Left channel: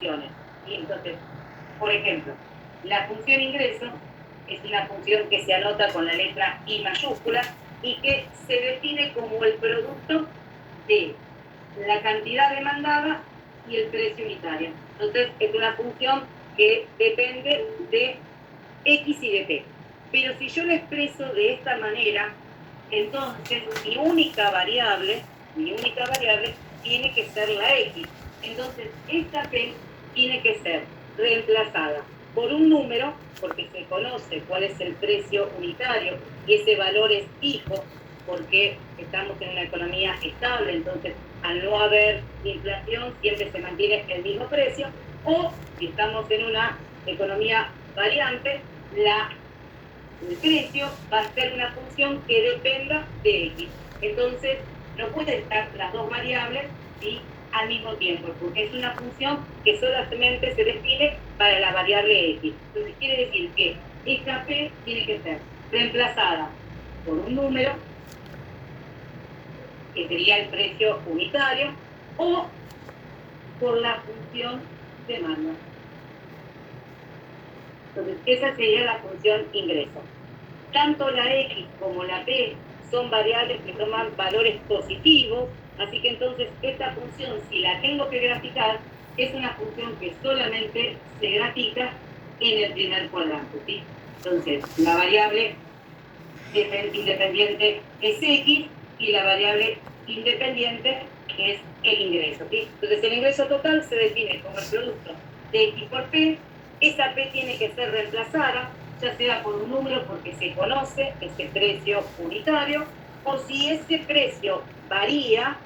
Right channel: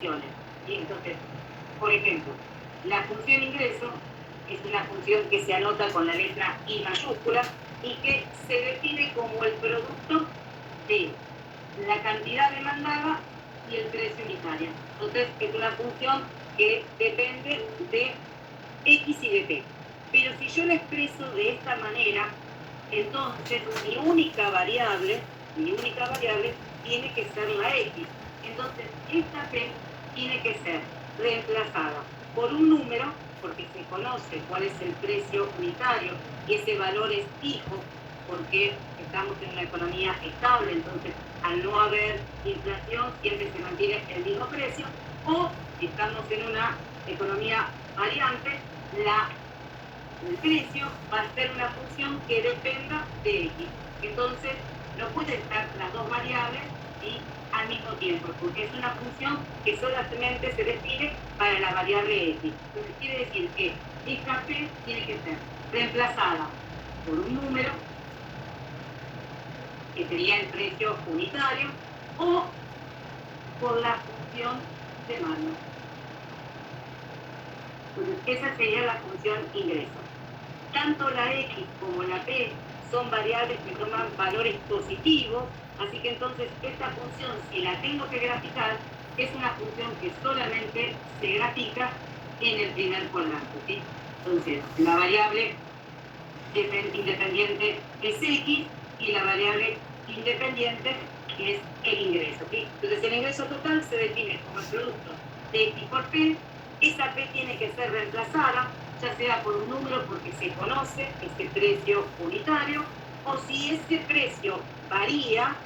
funciones. Y entonces, por ejemplo, la función ingreso es una función que se anota con la letra I mayúscula y que se define como el producto de la cantidad demandada y el precio unitario. Entonces, es una función que depende de X y de P. Pero si yo lo expreso de esta manera, entonces mi única variable tiene que ser la X. Entonces, esta P tiene que ser reemplazada por un número, porque se conoce cuál es el precio unitario y ese valor es fijo, porque estamos en una economía estable, entonces al no haber inflación siempre se mantiene el mismo precio, o si estamos en una economía variante, el precio va a ser una función que dependa de X. Entonces, no pueden estar las dos variables y al mismo tiempo, porque es una función que solamente se define para la variable X. Entonces, quiere decir que esta P tiene que ser reemplazada por un número, que sería el precio unitario, o por la función demanda. Entonces, esa sería la función ingreso. Tanto la X como la P son variables que toman valores positivos, así que entonces esta función, si la tengo que graficar, es una función que solamente se grafica en el primer cuadrante, ¿sí? Entonces, la variable independiente es X y la variable independiente es el ingreso, ¿sí? Entonces, el ingreso total se define como el producto de X por P. Esa P tiene que ser reemplazada, ya sea por un número porque se conoce ese precio unitario, o si ese precio varía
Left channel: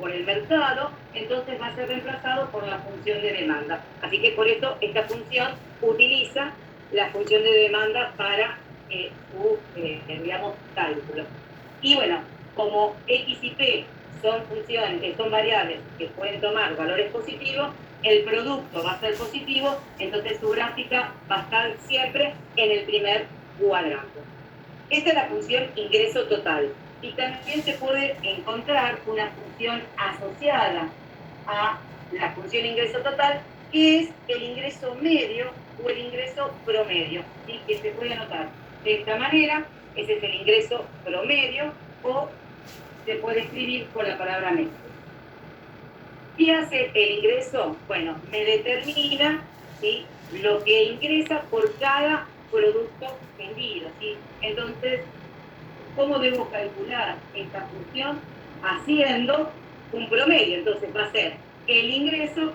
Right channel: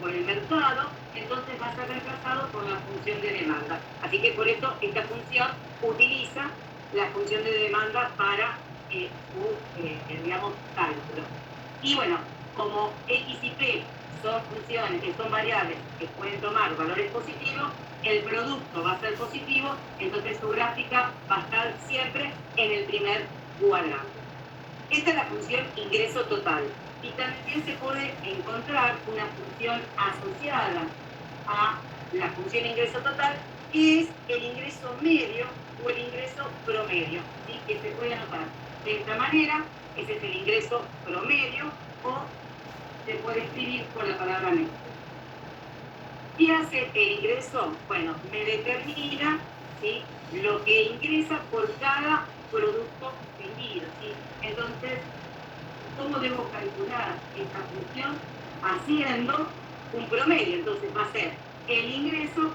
por el mercado, entonces va a ser reemplazado por la función de demanda. Así que por eso esta función utiliza la función de demanda para su, digamos, cálculo. Y bueno, como X y P son funciones, son variables que pueden tomar valores positivos, el producto va a ser positivo, entonces su gráfica va a estar siempre en el primer cuadrante. Esta es la función ingreso total. Y también se puede encontrar una función asociada a la función ingreso total, que es el ingreso medio o el ingreso promedio, ¿sí? Que se puede anotar de esta manera. Ese es el ingreso promedio, o se puede escribir con la palabra medio. ¿Qué hace el ingreso? Bueno, me determina, ¿sí?, lo que ingresa por cada producto vendido, ¿sí? Entonces, ¿cómo debo calcular esta función? Haciendo un promedio. Entonces va a ser el ingreso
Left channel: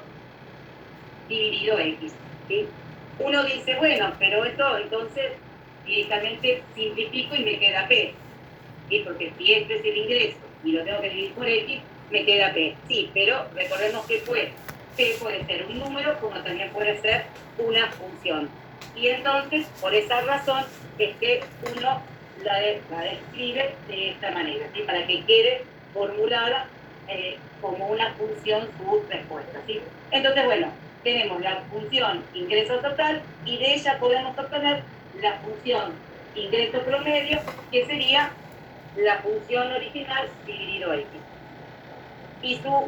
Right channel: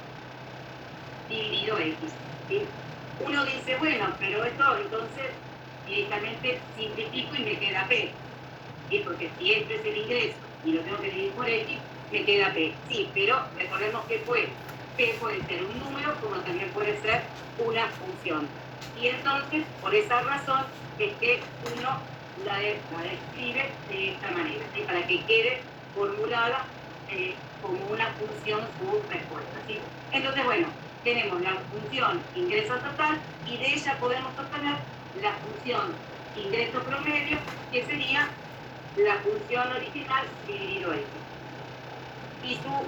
dividido X, ¿sí? Uno dice, bueno, pero esto entonces directamente simplifico y me queda P, ¿sí? Porque si este es el ingreso y lo tengo que dividir por X, me queda P. Sí, pero recordemos que P puede ser un número como también puede ser una función. Y entonces, por esa razón, uno la describe de esta manera, ¿sí? Para que quede formulada como una función su respuesta, ¿sí? Entonces, bueno, tenemos la función ingreso total y de ella podemos obtener la función ingreso promedio, que sería la función original dividido X. Y su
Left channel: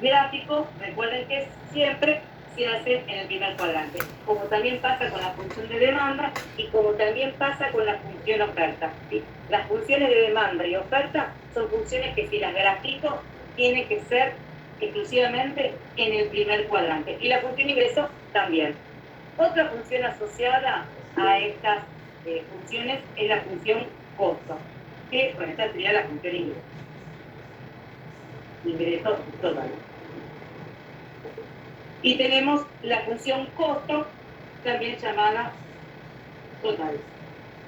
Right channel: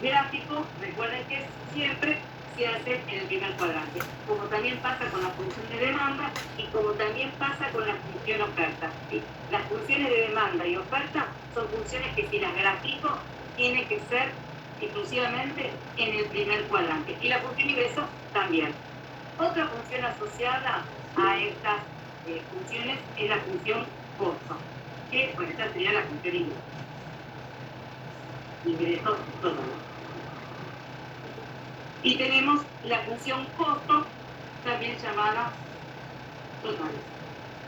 gráfico, recuerden que siempre se hace en el primer cuadrante, como también pasa con la función de demanda y como también pasa con la función oferta, ¿sí? Las funciones de demanda y oferta son funciones que si las grafico tienen que ser exclusivamente en el primer cuadrante, y la función ingreso también. Otra función asociada a estas funciones es la función costo, que bueno, esta sería la función ingreso total. Y tenemos la función costo, también llamada total.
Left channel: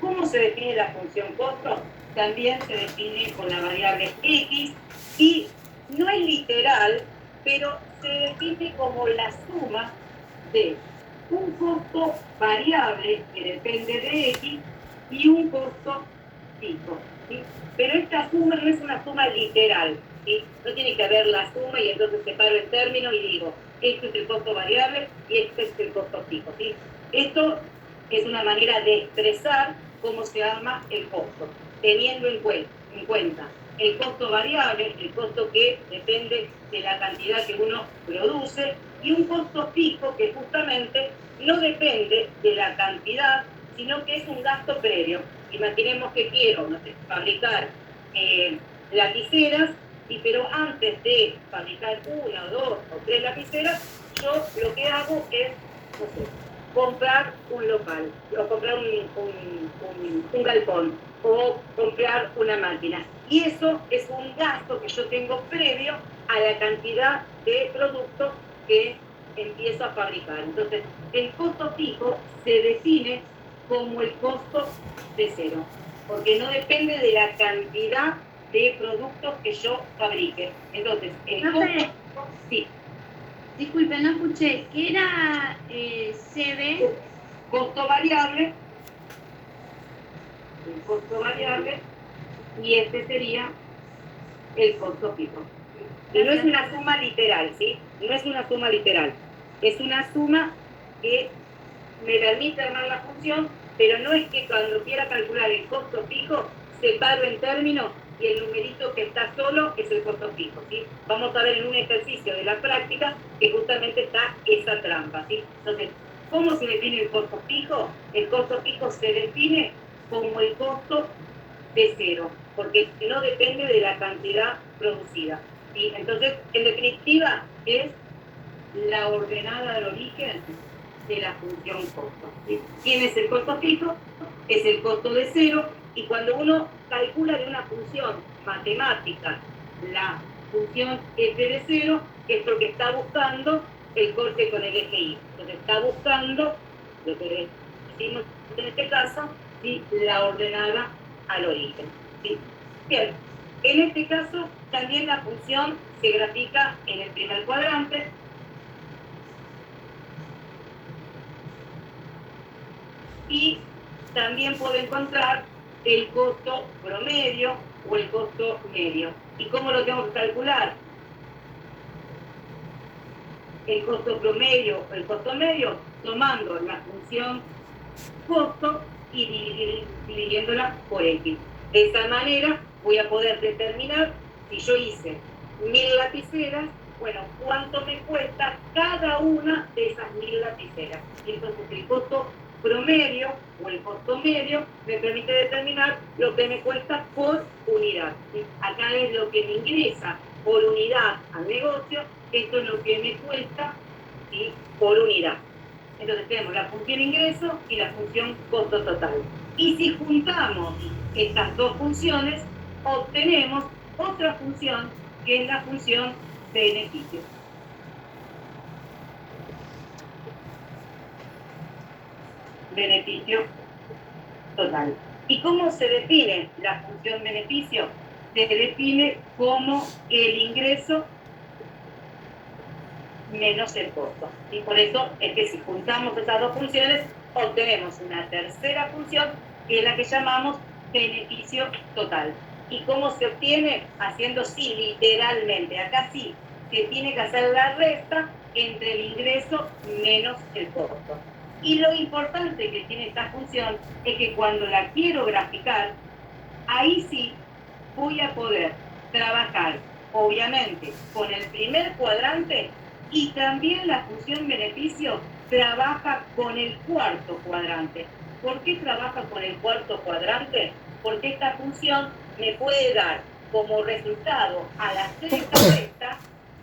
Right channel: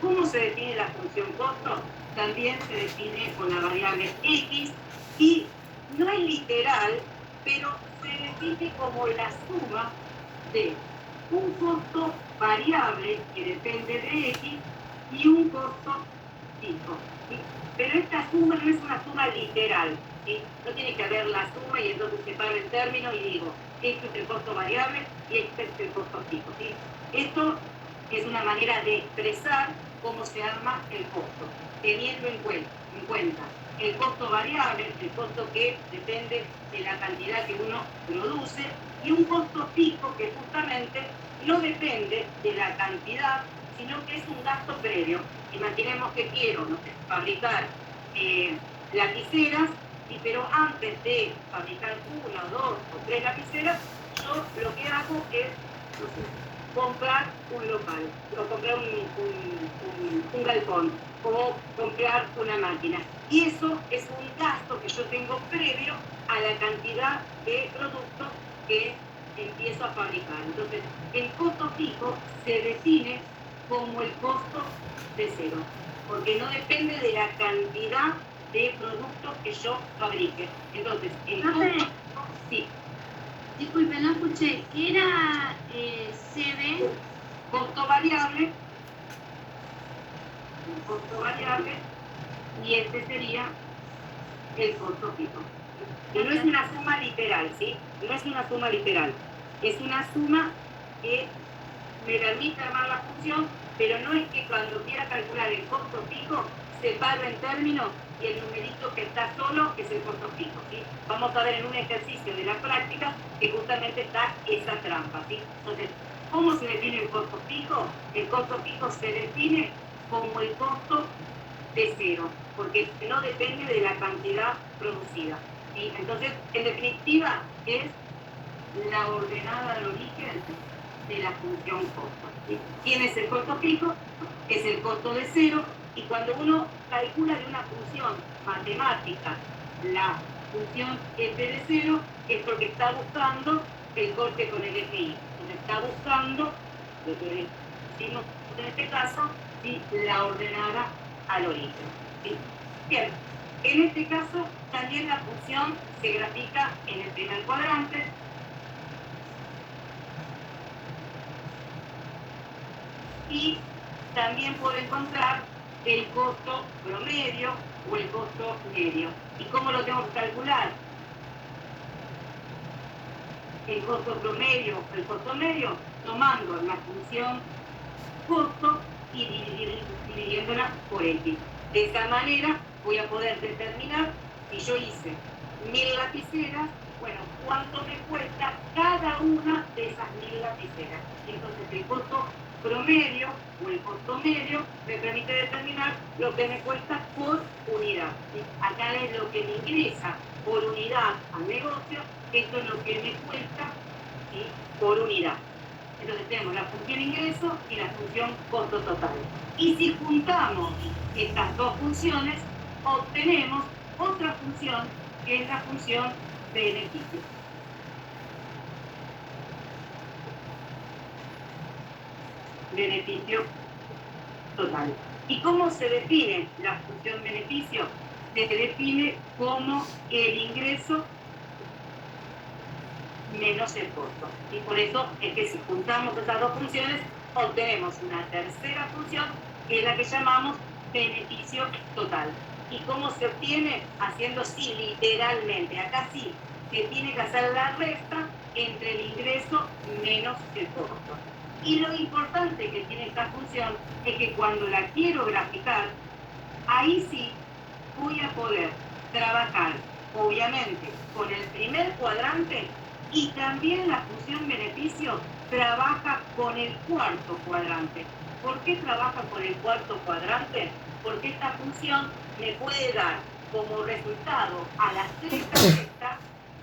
¿Cómo se define la función costo? También se define con la variable X, y no es literal, pero se define como la suma de un costo variable que depende de X y un costo fijo, ¿sí? Pero esta suma no es una suma literal, ¿sí? No tiene que haber la suma y entonces separo el término y digo, este es el costo variable y este es el costo fijo, ¿sí? Esto es una manera de expresar cómo se arma el costo, teniendo en cuenta el costo variable, el costo que depende de la cantidad que uno produce, Y un costo fijo que justamente no depende de la cantidad, sino que es un gasto previo. Imaginemos que quiero, no sé, fabricar lapiceras, pero antes de fabricar una, dos o tres lapiceras, yo lo que hago es, no sé, comprar un local, o comprar un galpón, o comprar una máquina. Y eso es un gasto que yo tengo previo a la cantidad de productos que empiezo a fabricar. Entonces, el costo fijo se define como el costo de cero, porque no depende de la cantidad de productos que yo fabrique. Entonces, el costo... Sí. Disculpe, no escuché. ¿Qué era CD? Costo variable. Un costo variable. Y este sería el costo fijo. Y no es una suma literal, ¿sí? No es una suma literal. Es una suma que me permite armar la función, pero no es que cuando quiera calcular el costo fijo, separo en términos y el numerito que está solo es el costo fijo, ¿sí? Vamos a ver en un ejercicio de la práctica que justamente está esa trampa, ¿sí? Entonces, ¿cómo se define el costo fijo? El costo fijo se define como el costo de cero, porque no depende de la cantidad producida. ¿Sí? Entonces, en definitiva, es la ordenada del origen de la función costo. ¿Sí? ¿Quién es el costo fijo? Es el costo de cero, y cuando uno calcula de una función matemática la función f de cero, es porque está buscando el corte con el eje y. Entonces está buscando, lo que decimos en este caso, ¿sí? La ordenada al origen. ¿Sí? Bien, en este caso también la función se grafica en el primer cuadrante. Y también puedo encontrar el costo promedio o el costo medio. ¿Y cómo lo tengo que calcular? El costo promedio o el costo medio, tomando la función costo y dividiéndola por X. De esa manera voy a poder determinar, si yo hice 1000 lapiceras, bueno, cuánto me cuesta cada una de esas 1000 lapiceras. Y entonces el costo promedio o el costo medio me permite determinar lo que me cuesta por unidad. ¿Sí? Acá es lo que me ingresa por unidad al negocio, esto es lo que me cuesta, ¿sí? Por unidad. Entonces tenemos la función ingreso y la función costo total. Y si juntamos estas dos funciones, obtenemos otra función que es la función beneficio. Beneficio total. ¿Y cómo se define la función beneficio? Se define como el ingreso menos el costo. Y por eso es que si juntamos esas dos funciones, obtenemos una tercera función, que es la que llamamos beneficio total. ¿Y cómo se obtiene? Haciendo sí, literalmente. Acá sí, se tiene que hacer la resta entre el ingreso menos el costo. Y lo importante que tiene esta función es que cuando la quiero graficar, ahí sí voy a poder trabajar, obviamente, con el primer cuadrante, y también la función beneficio trabaja con el cuarto cuadrante. ¿Por qué trabaja con el cuarto cuadrante? Porque esta función me puede dar como resultado al hacer esta resta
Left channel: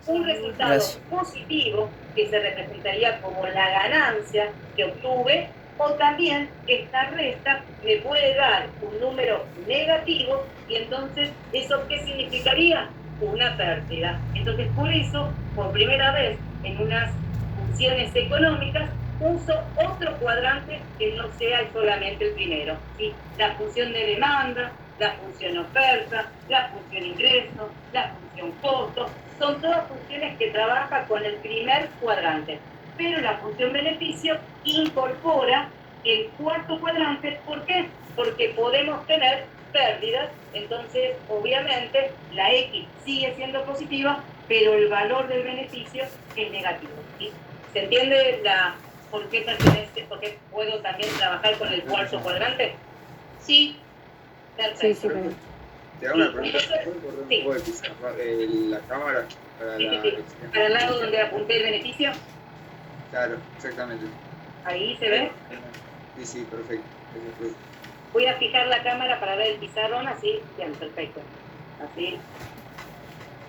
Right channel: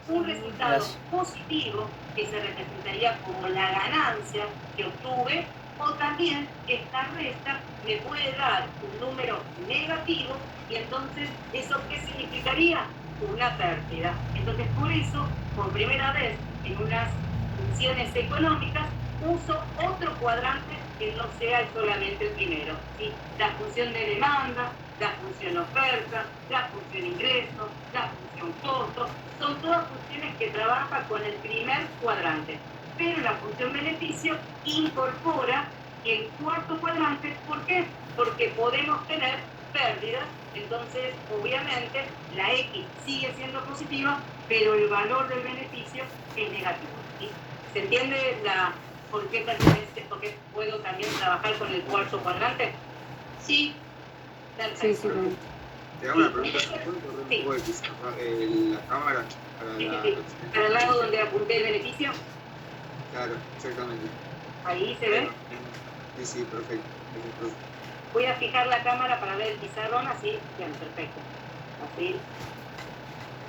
un resultado positivo que se representaría como la ganancia que obtuve, o también esta resta me puede dar un número negativo, y entonces ¿eso qué significaría? Una pérdida. Entonces por eso, por primera vez en unas funciones económicas, uso otro cuadrante que no sea solamente el primero, ¿sí? La función de demanda, la función oferta, la función ingreso, la función costo, son todas funciones que trabajan con el primer cuadrante. Pero la función beneficio incorpora el cuarto cuadrante. ¿Por qué? Porque podemos tener pérdidas, entonces obviamente la X sigue siendo positiva, pero el valor del beneficio es negativo. ¿Sí? ¿Se entiende por qué puedo también trabajar con el cuarto cuadrante? Sí. Perfecto. Sí. Te hago una pregunta, ¿se puede correr un poco de la cámara para Sí, la sí, sí. Para el lado donde apunté el beneficio. Claro, exactamente. Ahí se ve. Sí, perfecto. Voy a fijar la cámara para ver el pizarrón, así, bien, perfecto. Así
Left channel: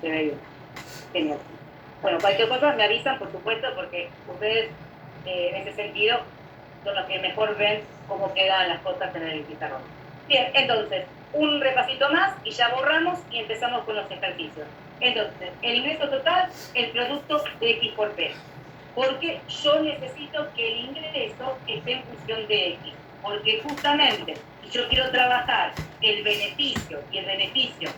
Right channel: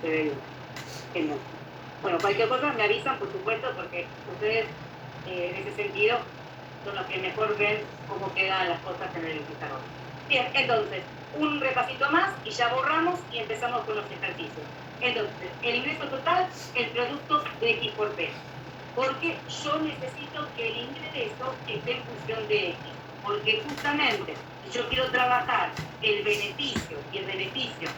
se ve bien. Genial. Bueno, cualquier cosa me avisan, por supuesto, porque ustedes en ese sentido son los que mejor ven cómo quedan las cosas en el pizarrón. Bien, entonces, un repasito más y ya borramos y empezamos con los ejercicios. Entonces, el ingreso total, el producto de X por P. Porque yo necesito que el ingreso esté en función de X. Porque justamente, si yo quiero trabajar el beneficio y el beneficio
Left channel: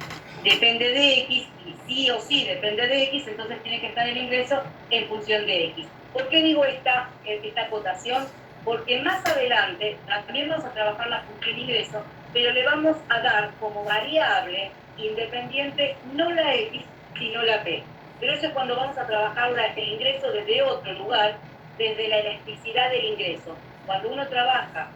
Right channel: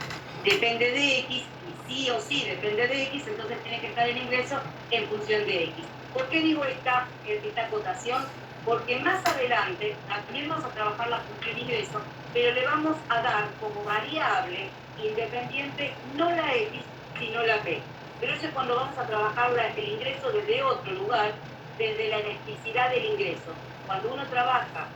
depende de X, y sí o sí depende de X, entonces tiene que estar el ingreso en función de X. ¿Por qué digo esta acotación? Porque más adelante también vamos a trabajar la función ingreso, pero le vamos a dar como variable independiente no la X, sino la P. Pero eso es cuando vamos a trabajar el ingreso desde otro lugar, desde la elasticidad del ingreso. Cuando uno trabaja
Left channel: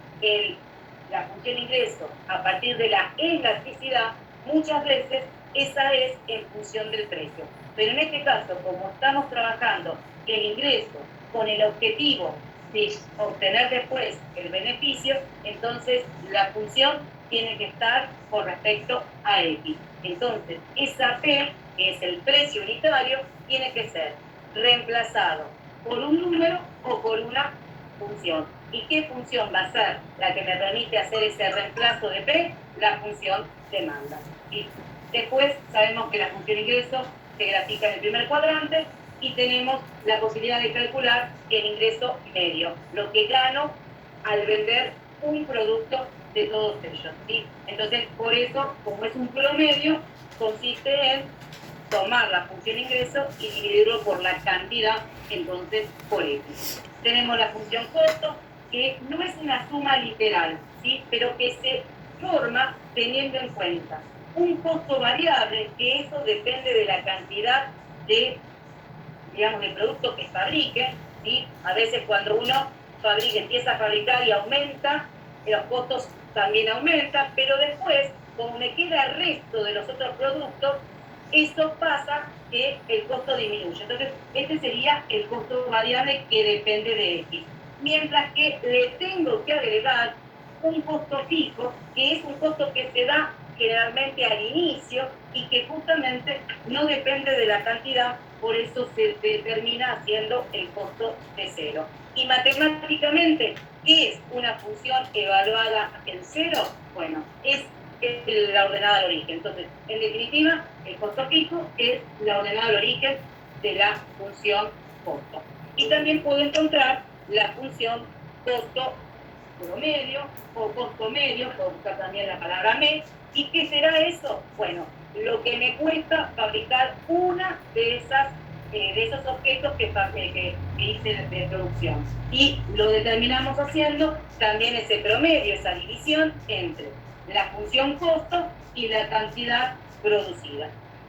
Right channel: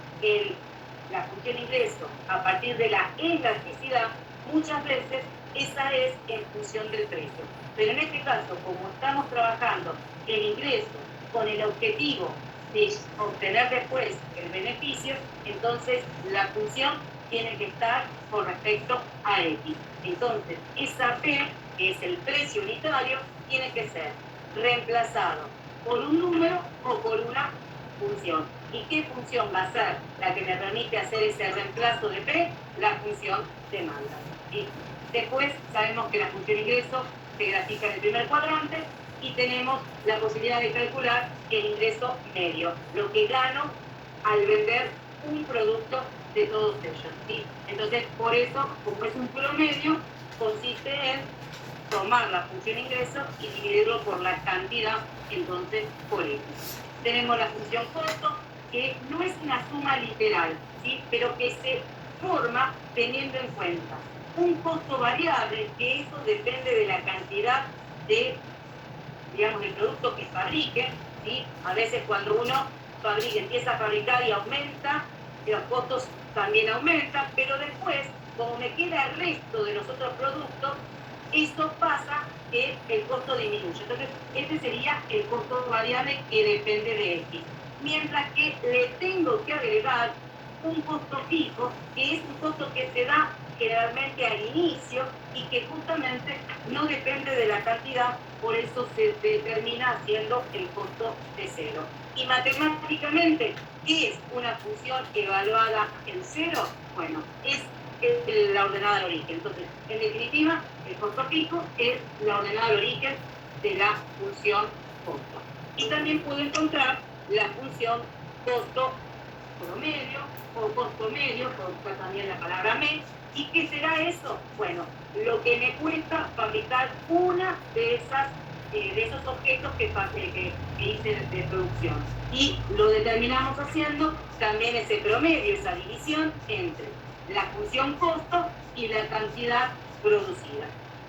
la función ingreso a partir de la elasticidad, muchas veces esa es en función del precio. Pero en este caso, como estamos trabajando el ingreso con el objetivo de obtener después el beneficio, entonces la función tiene que estar con respecto a X. Entonces, esa P, que es el precio unitario, tiene que ser reemplazado por un número o por una función. ¿Y qué función va a ser la que me permite hacer ese reemplazo de P? La función demanda. Y después sabemos que la función ingreso se grafica en el primer cuadrante y tenemos la posibilidad de calcular el ingreso medio, lo que gano al vender un producto de todos ellos, ¿sí? Entonces, por eso, como es un promedio, consiste en tomar la función ingreso y dividirlo por la cantidad, entonces, por X. Tenemos la función costo, que no es una suma literal, ¿sí? Pero que se forma teniendo en cuenta un costo variable, que eso depende de la cantidad de, digamos, de producto que fabrique, ¿sí? A veces cuando uno empieza a fabricar y aumenta, los costos también aumentan, pero después, como me queda el resto de los otros productos, eso pasa que el costo disminuye. Entonces, este sería el costo variable que depende de X. Mientras que le tengo que agregar un costo fijo, que es un costo que se da generalmente al inicio y que justamente no depende de la cantidad, por eso se determina haciendo el costo de cero. Y matemáticamente, ¿qué es una función evaluada en cero? Bueno, es la ordenada al origen. Entonces, en definitiva, el costo fijo es la ordenada al origen de la función costo. Y también puedo encontrar la función costo promedio o costo medio, puedo buscar también la palabra mes. ¿Y qué será eso? Bueno, lo que me cuesta fabricar una de esos objetos que hice de producción. Y lo determinamos haciendo también ese promedio, esa división entre la función costo y la cantidad producida.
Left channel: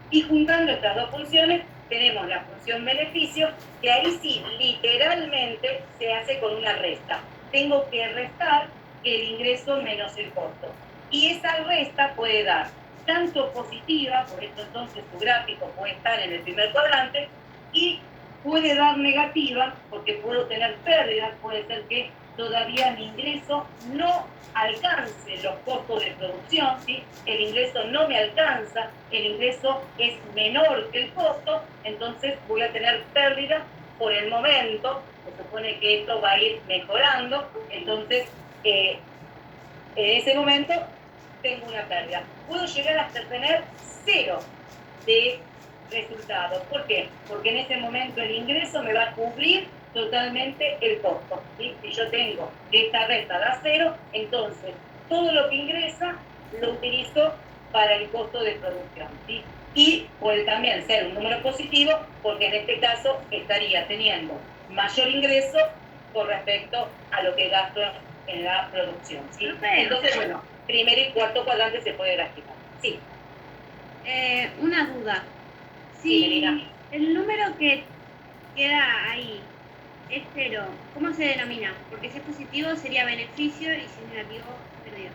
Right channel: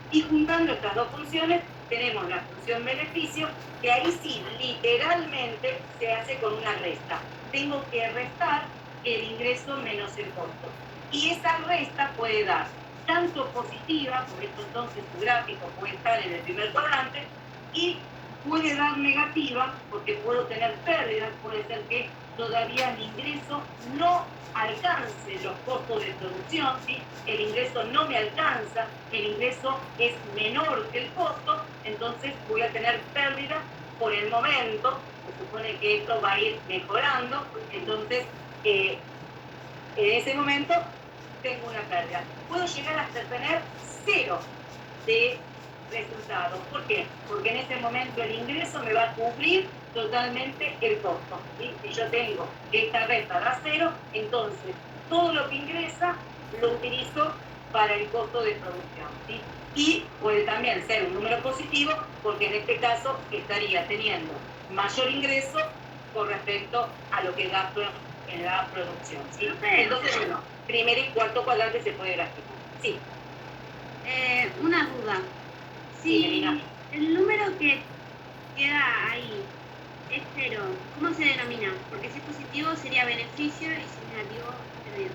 Y juntando estas dos funciones tenemos la función beneficio, que ahí sí, literalmente se hace con una resta. Tengo que restar el ingreso menos el costo. Y esa resta puede dar tanto positiva, por esto entonces su gráfico puede estar en el primer cuadrante, y puede dar negativa, porque puedo tener pérdidas, puede ser que todavía mi ingreso no alcance los costos de producción, ¿sí? El ingreso no me alcanza, el ingreso es menor que el costo, entonces voy a tener pérdida por el momento, se supone que esto va a ir mejorando, entonces en ese momento tengo una pérdida. Puedo llegar hasta tener cero de resultado. ¿Por qué? Porque en ese momento el ingreso me va a cubrir totalmente el costo. ¿Sí? Si yo tengo que esta resta da cero, entonces todo lo que ingresa lo utilizo para el costo de producción. ¿Sí? Y puede también ser un número positivo, porque en este caso estaría teniendo mayor ingreso con respecto a lo que gasto en la producción. ¿Sí? Entonces, bueno, primero y cuarto cuadrante se puede graficar. Sí. Una duda. Si el número que queda ahí es cero, ¿cómo se denomina? Porque si es positivo sería beneficio y si es negativo, pérdida.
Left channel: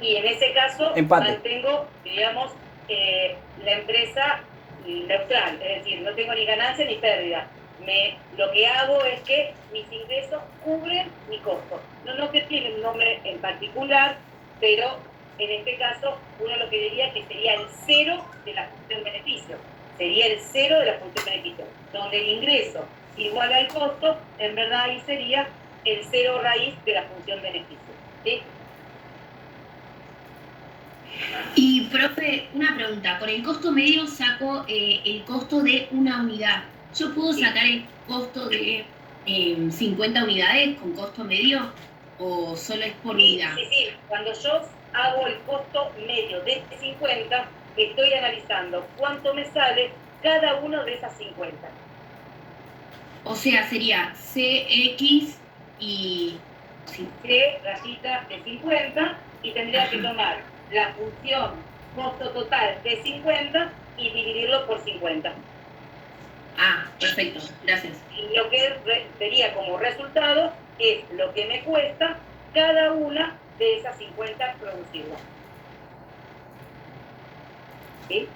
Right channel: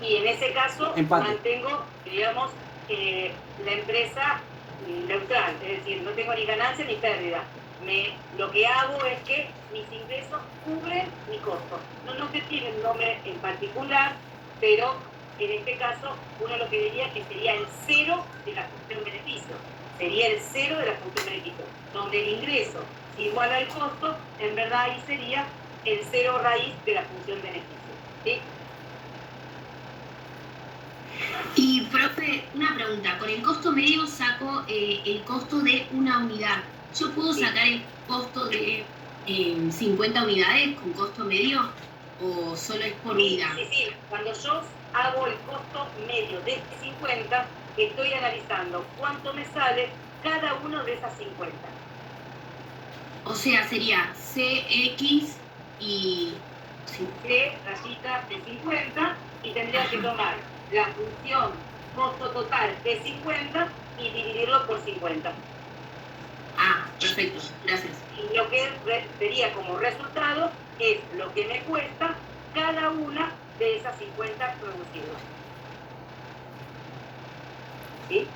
Y en ese caso empate. mantengo, digamos, la empresa neutral, es decir, no tengo ni ganancia ni pérdida. Lo que hago es que mis ingresos cubren mi costo. No que tiene un nombre en particular, pero en este caso uno lo que diría que sería el cero de la función beneficio. Sería el cero de la función beneficio, donde el ingreso igual al costo, en verdad ahí sería el cero raíz de la función beneficio. ¿Sí? Y, profe, una pregunta. Con el costo medio saco el costo de una unidad. ¿Yo puedo sacar el costo de 50 unidades con costo medio o solo es por unidad? Sí. Cuando yo hago el costo medio de 50, estoy analizando cuánto me sale cada uno de esas 50. O sea, sería CX y... C rayita de 50 y tendría que tomar la función costo total de 50 y dividirlo por 50. Ah, perfecto, gracias. Y lo que sería como resultado es lo que me cuesta cada una de esas 50 producidas. ¿Sí?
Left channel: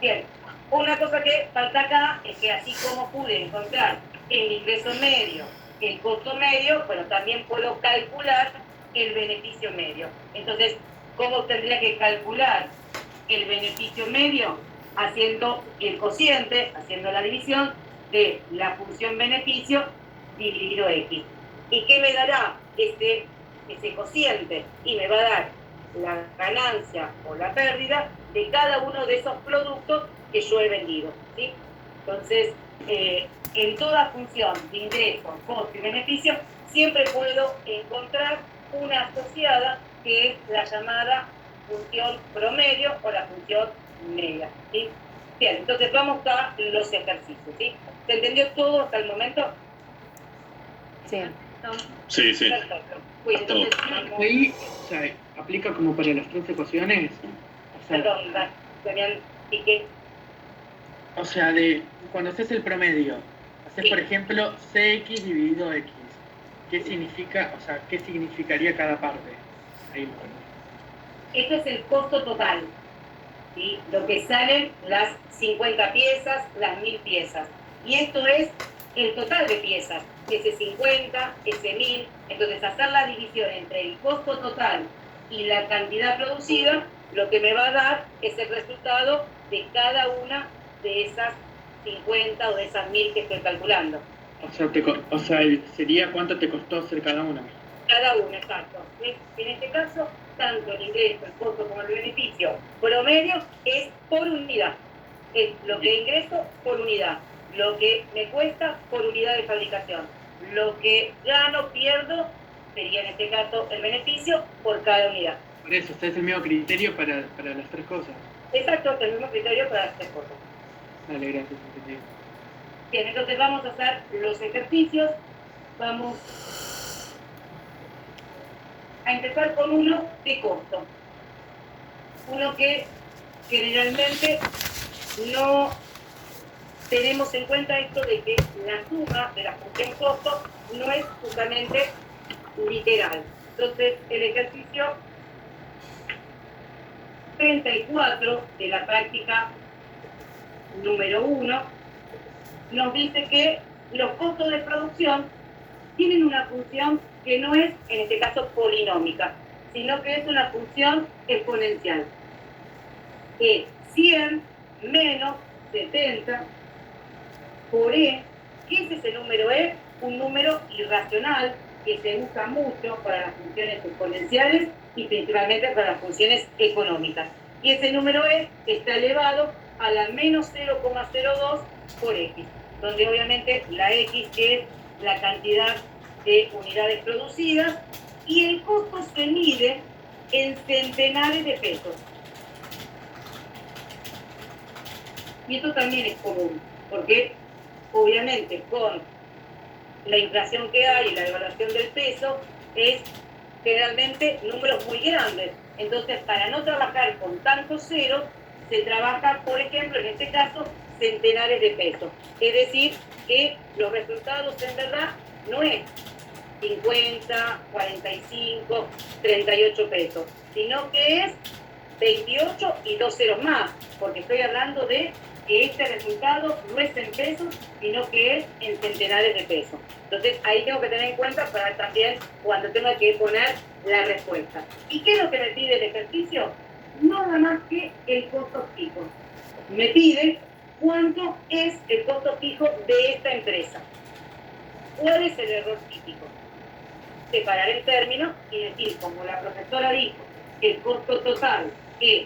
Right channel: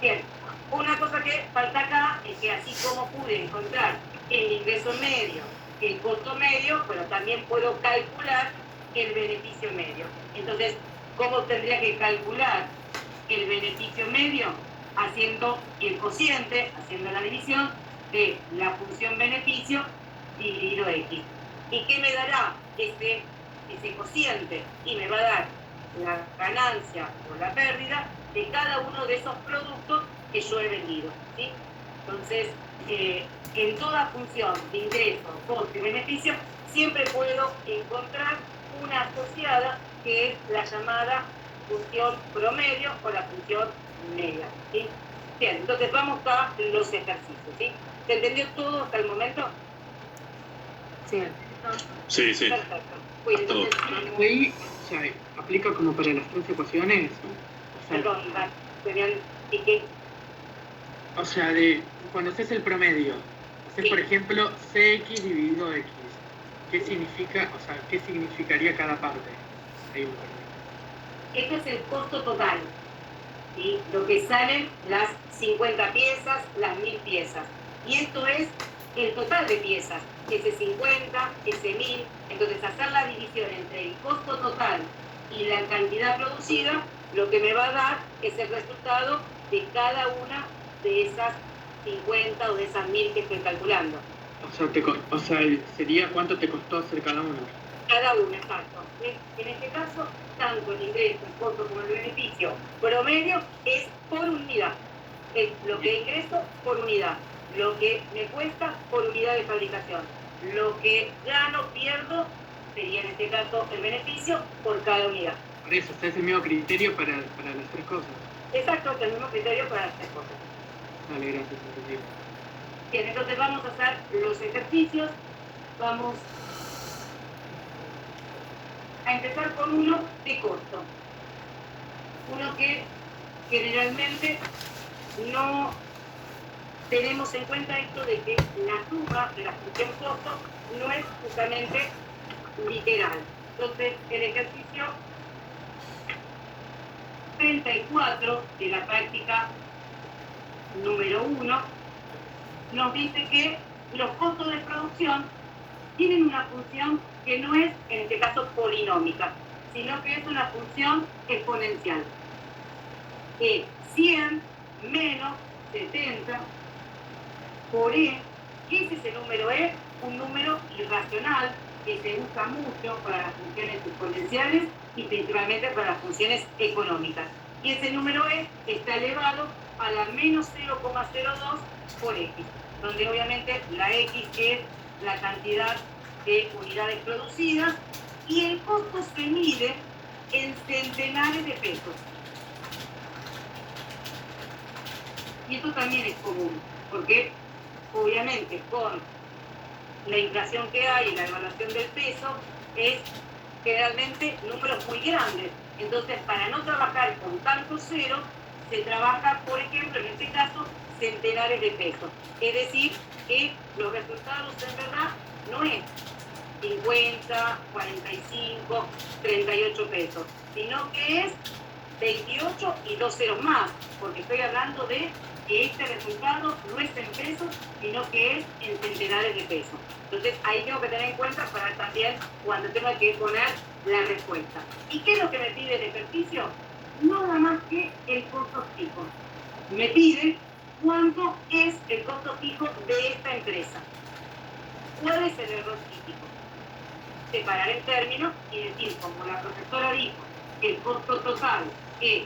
Bien, una cosa que falta acá es que así como pude encontrar el ingreso medio, el costo medio, pero también puedo calcular el beneficio medio. Entonces, ¿cómo tendría que calcular el beneficio medio? Haciendo el cociente, haciendo la división de la función beneficio dividido X. ¿Y qué me dará ese cociente? Y me va a dar la ganancia o la pérdida de cada uno de esos productos que yo he vendido. ¿Sí? Entonces, en toda función de ingreso, costo y beneficio, siempre puedo encontrar una asociada que es la llamada función promedio o la función media. ¿Sí? Bien, entonces vamos a los ejercicios. ¿Sí? ¿Se entendió todo hasta el momento? Sí. Sí. Perfecto. Pues entonces, Ahí, o sea, aplica como para las tres ecuaciones. O sea, perdón, ¿y qué? o sea, cuando haces el promedio, haces por ejemplo CX dividido X. ¿Qué significa, o sea, qué significaría cada parte? Ahí. Esto es el costo total. ¿Sí? Lo que salen las 50 piezas, las 1000 piezas. Y esto es el total de piezas, ese 50, ese 1000. Entonces, hacer la división entre el costo total y la cantidad producida, lo que me va a dar es el resultado de cada una de esas 50 o de esas 1000 que estoy calculando. O sea, sería cuánto te costó hacer cada una. Cada una, exacto. En este caso, tanto el ingreso, el costo como el beneficio promedio es por unidad. Es lo que ingreso por unidad. Lo que me cuesta por unidad de fabricación. Lo que gano, pierdo, sería en este caso el beneficio por cada unidad. Por eso, es el mismo criterio para las tres cosas. Exacto, es el mismo criterio para las tres cosas. Vale, gracias, entendido. Bien, entonces vamos a hacer los ejercicios. Vamos a empezar con uno de costo. Uno que generalmente no tenemos en cuenta esto de que la suma de la función costo no es justamente literal. Entonces, el ejercicio 34 de la práctica número 1 nos dice que los costos de producción tienen una función que no es, en este caso, polinómica, sino que es una función exponencial. Es 100 menos 70 por E. ¿Qué es ese número E? Un número irracional que se usa mucho para las funciones exponenciales y principalmente para las funciones económicas. Y ese número E está elevado a la menos 0,02 por X, donde obviamente la X es la cantidad de unidades producidas y el costo se mide en centenares de pesos. Y esto también es común, porque obviamente con la inflación que hay y la devaluación del peso es generalmente números muy grandes. Entonces, para no trabajar con tantos ceros, se trabaja, por ejemplo, en este caso, centenares de pesos. Es decir, que los resultados en verdad no es 50, 45, 38 pesos, sino que es 28 y 2 ceros más, porque estoy hablando de que este resultado no es en pesos, sino que es en centenares de pesos. Entonces ahí tengo que tener en cuenta para también cuando tengo que poner la respuesta. ¿Y qué es lo que me pide el ejercicio? Nada más que el costo fijo. Me pide cuánto es el costo fijo de esta empresa. ¿Cuál es el error crítico? Separar el término y decir, como la profesora dijo, el costo total es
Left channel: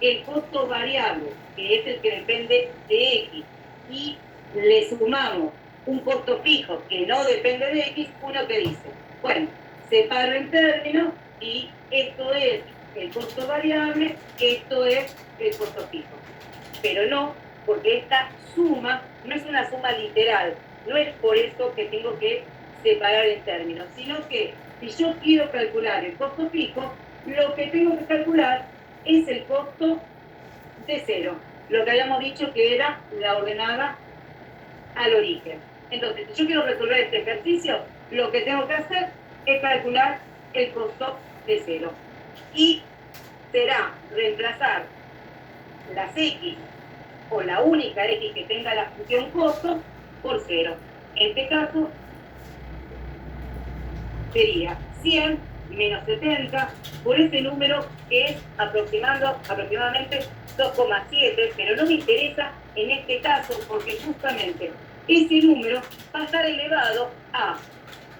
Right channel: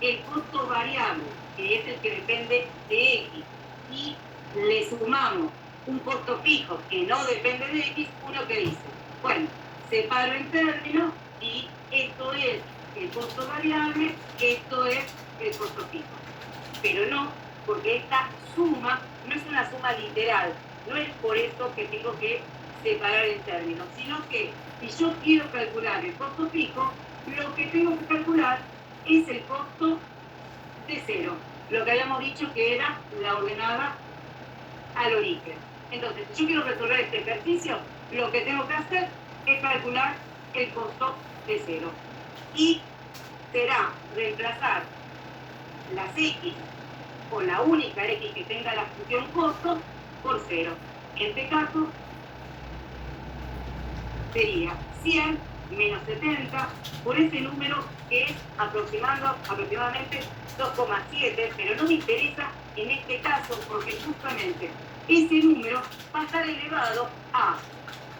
el costo variable, que es el que depende de X, y le sumamos un costo fijo que no depende de X, uno que dice, bueno, separo el término y esto es el costo variable, esto es el costo fijo. Pero no, porque esta suma no es una suma literal, no es por eso que tengo que separar el término, sino que si yo quiero calcular el costo fijo, lo que tengo que calcular es el costo de cero, lo que habíamos dicho que era la ordenada al origen. Entonces, si yo quiero resolver este ejercicio, lo que tengo que hacer es calcular el costo de cero. Y será reemplazar las X o la única X que tenga la función costo por cero. En este caso, sería 100 menos 70 por ese número que es aproximadamente 2,7, pero no me interesa en este caso porque justamente ese número va a estar elevado a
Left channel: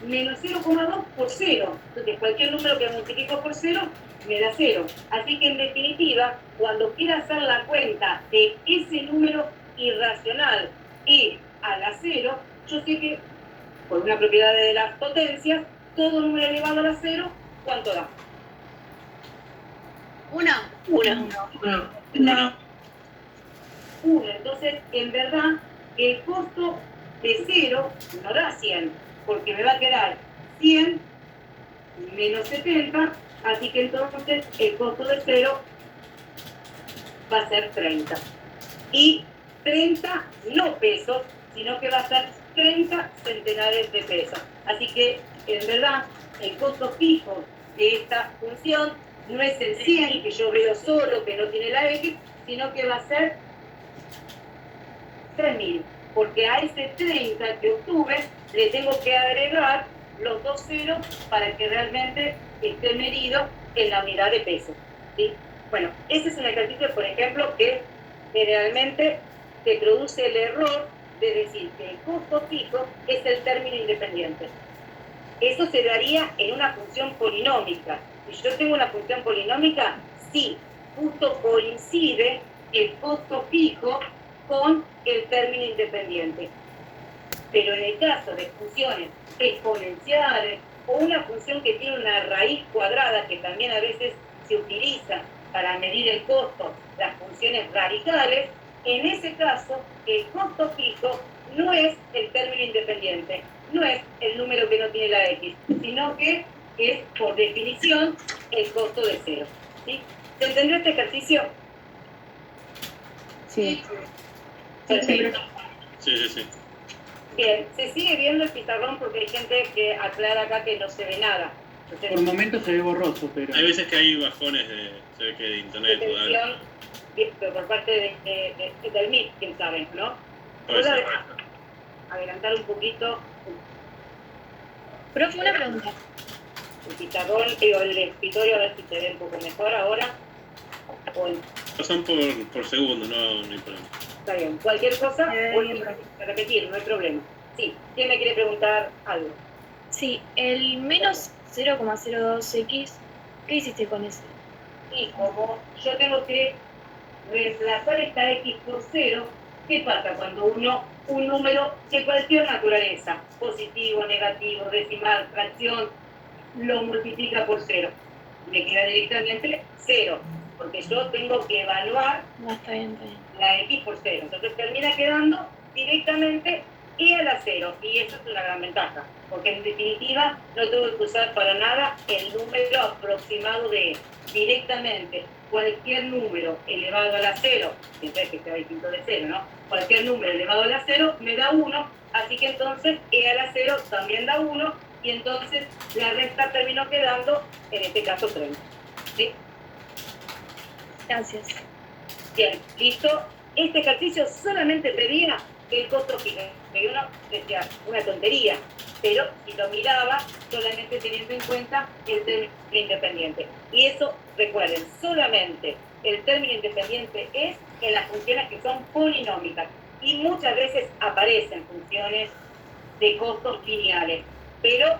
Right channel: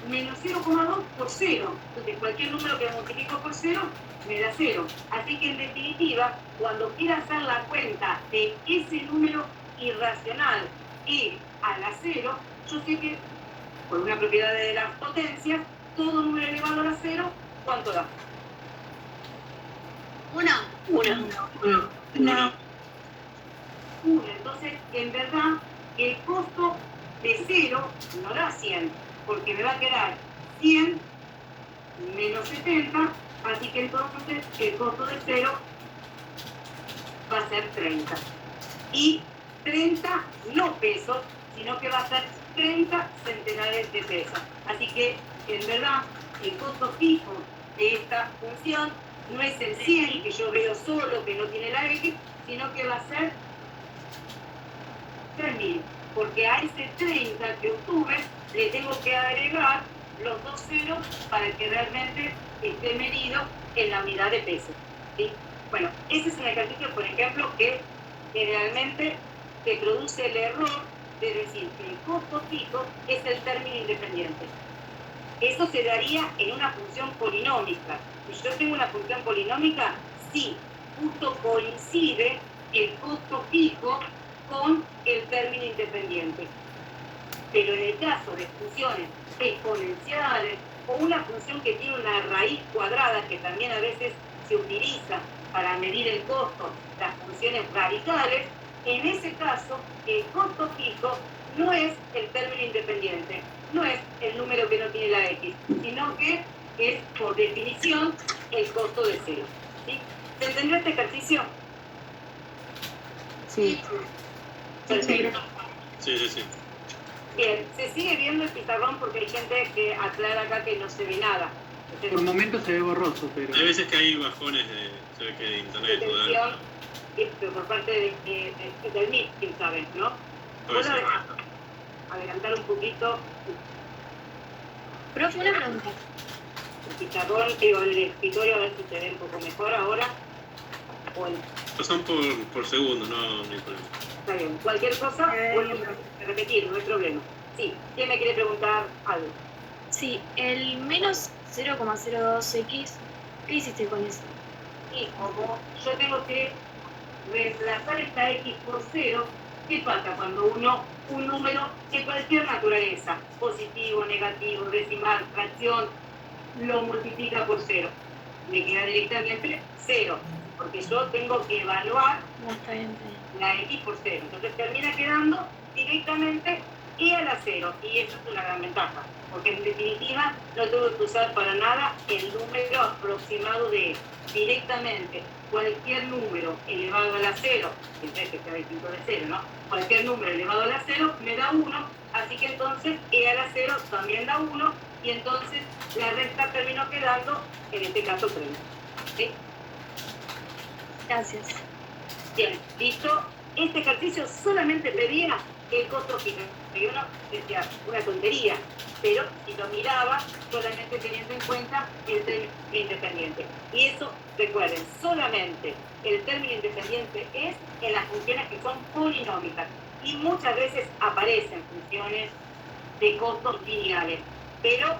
menos 0,2 por 0. Entonces cualquier número que multiplico por 0 me da 0. Así que en definitiva, cuando quiera hacer la cuenta de ese número irracional e a la 0, yo sé que por una propiedad de las potencias, todo número elevado a la 0, ¿cuánto da? Una. Entonces, en verdad, el costo de 0 no da 100, porque me va a quedar 100 menos 70, así que entonces el costo de 0 va a ser 30. Y 30 no pesos, sino que va a ser 30 centenares de pesos. Así que, en verdad, el costo fijo de esta función no es el 100 que yo veo solo, que no tiene la X, sino que va a ser 3.000, porque a ese 30 que obtuve le tengo que agregar los dos ceros para que realmente esté medido en la unidad de peso, ¿sí? Bueno, ese es un ejercicio, por ejemplo, que generalmente te produce el error de decir que el costo fijo es el término independiente. Eso se daría en una función polinómica. Si yo tengo una función polinómica, sí, justo coincide el costo fijo con el término independiente. Pero en el caso de funciones exponenciales o una función que tiene una raíz cuadrada, que también a veces se utiliza para medir el costo, las funciones radicales, en ese caso el costo fijo no es el término independiente, no es el número que no tiene la X, sino que es por definición el costo de 0. ¿Sí? ¿Se entendió este ejercicio? Sí. Perfecto. Sí. Bien, se sigue viendo el pizarrón porque hay gente que aclara acá que no se ve nada. Entonces, Por momentos se ve borroso, pero... Hay veces que hay bajones se ve que de internet todavía. atención, pero por parte del MIT, quién sabe, ¿no? Puede ¿Puedo ser. adelantar un poquito Profe, una pregunta. el pizarrón, digo, el escritorio, a ver si se ve un poco mejor ahora? O Son por segundo, no hay problema. está bien. Cualquier cosa, vuelvo bien, a repetir, no hay problema. Sí, ¿quién me quiere preguntar algo? Sí, el menos 0,02x, ¿qué hiciste con eso? Y como yo tengo que reemplazar esta X por 0, ¿qué pasa cuando un número de cualquier naturaleza, positivo, negativo, decimal, fracción, lo multiplica por 0? Le queda directamente 0, porque yo tengo que evaluar No, está bien, está bien. la X por 0. Entonces termina quedando directamente E a la 0, y eso es una gran ventaja, porque en definitiva no tengo que usar para nada el número aproximado de E. Directamente cualquier número elevado a la 0, siempre que sea distinto de 0, ¿no? Cualquier número elevado a la 0 me da 1, así que entonces E a la 0 también da 1, y entonces la resta terminó quedando, en este caso, 30. ¿Sí? Gracias. Bien, listo. Este ejercicio solamente pedía el costo fijo. Y uno decía, una tontería, pero si lo miraba solamente teniendo en cuenta el término independiente. Y eso, recuerden, solamente el término independiente es en las funciones que son polinómicas. Y muchas veces aparecen funciones de costos lineales. Pero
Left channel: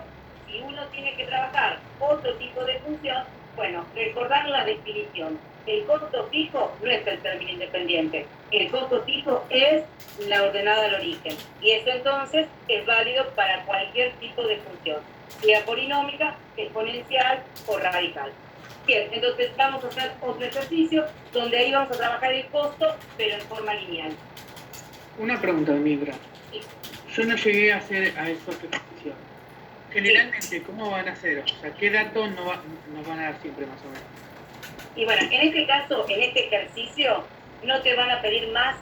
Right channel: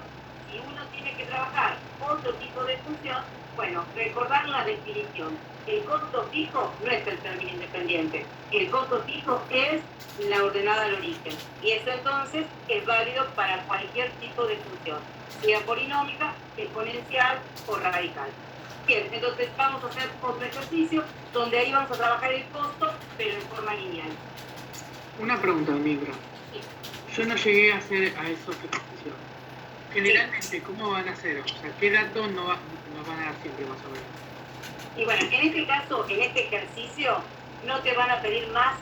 si uno tiene que trabajar otro tipo de función, bueno, recordar la definición. El costo fijo no es el término independiente. El costo fijo es la ordenada al origen. Y eso entonces es válido para cualquier tipo de función, sea polinómica, exponencial o radical. Bien, entonces vamos a hacer otro ejercicio donde ahí vamos a trabajar el costo, pero en forma lineal. Una pregunta, Mildred. Sí. Yo no llegué a hacer a esos ejercicios. Generalmente, ¿cómo van a hacer? O sea, ¿qué datos nos van a dar siempre más o menos? Y bueno, en este caso, en este ejercicio, no te van a pedir más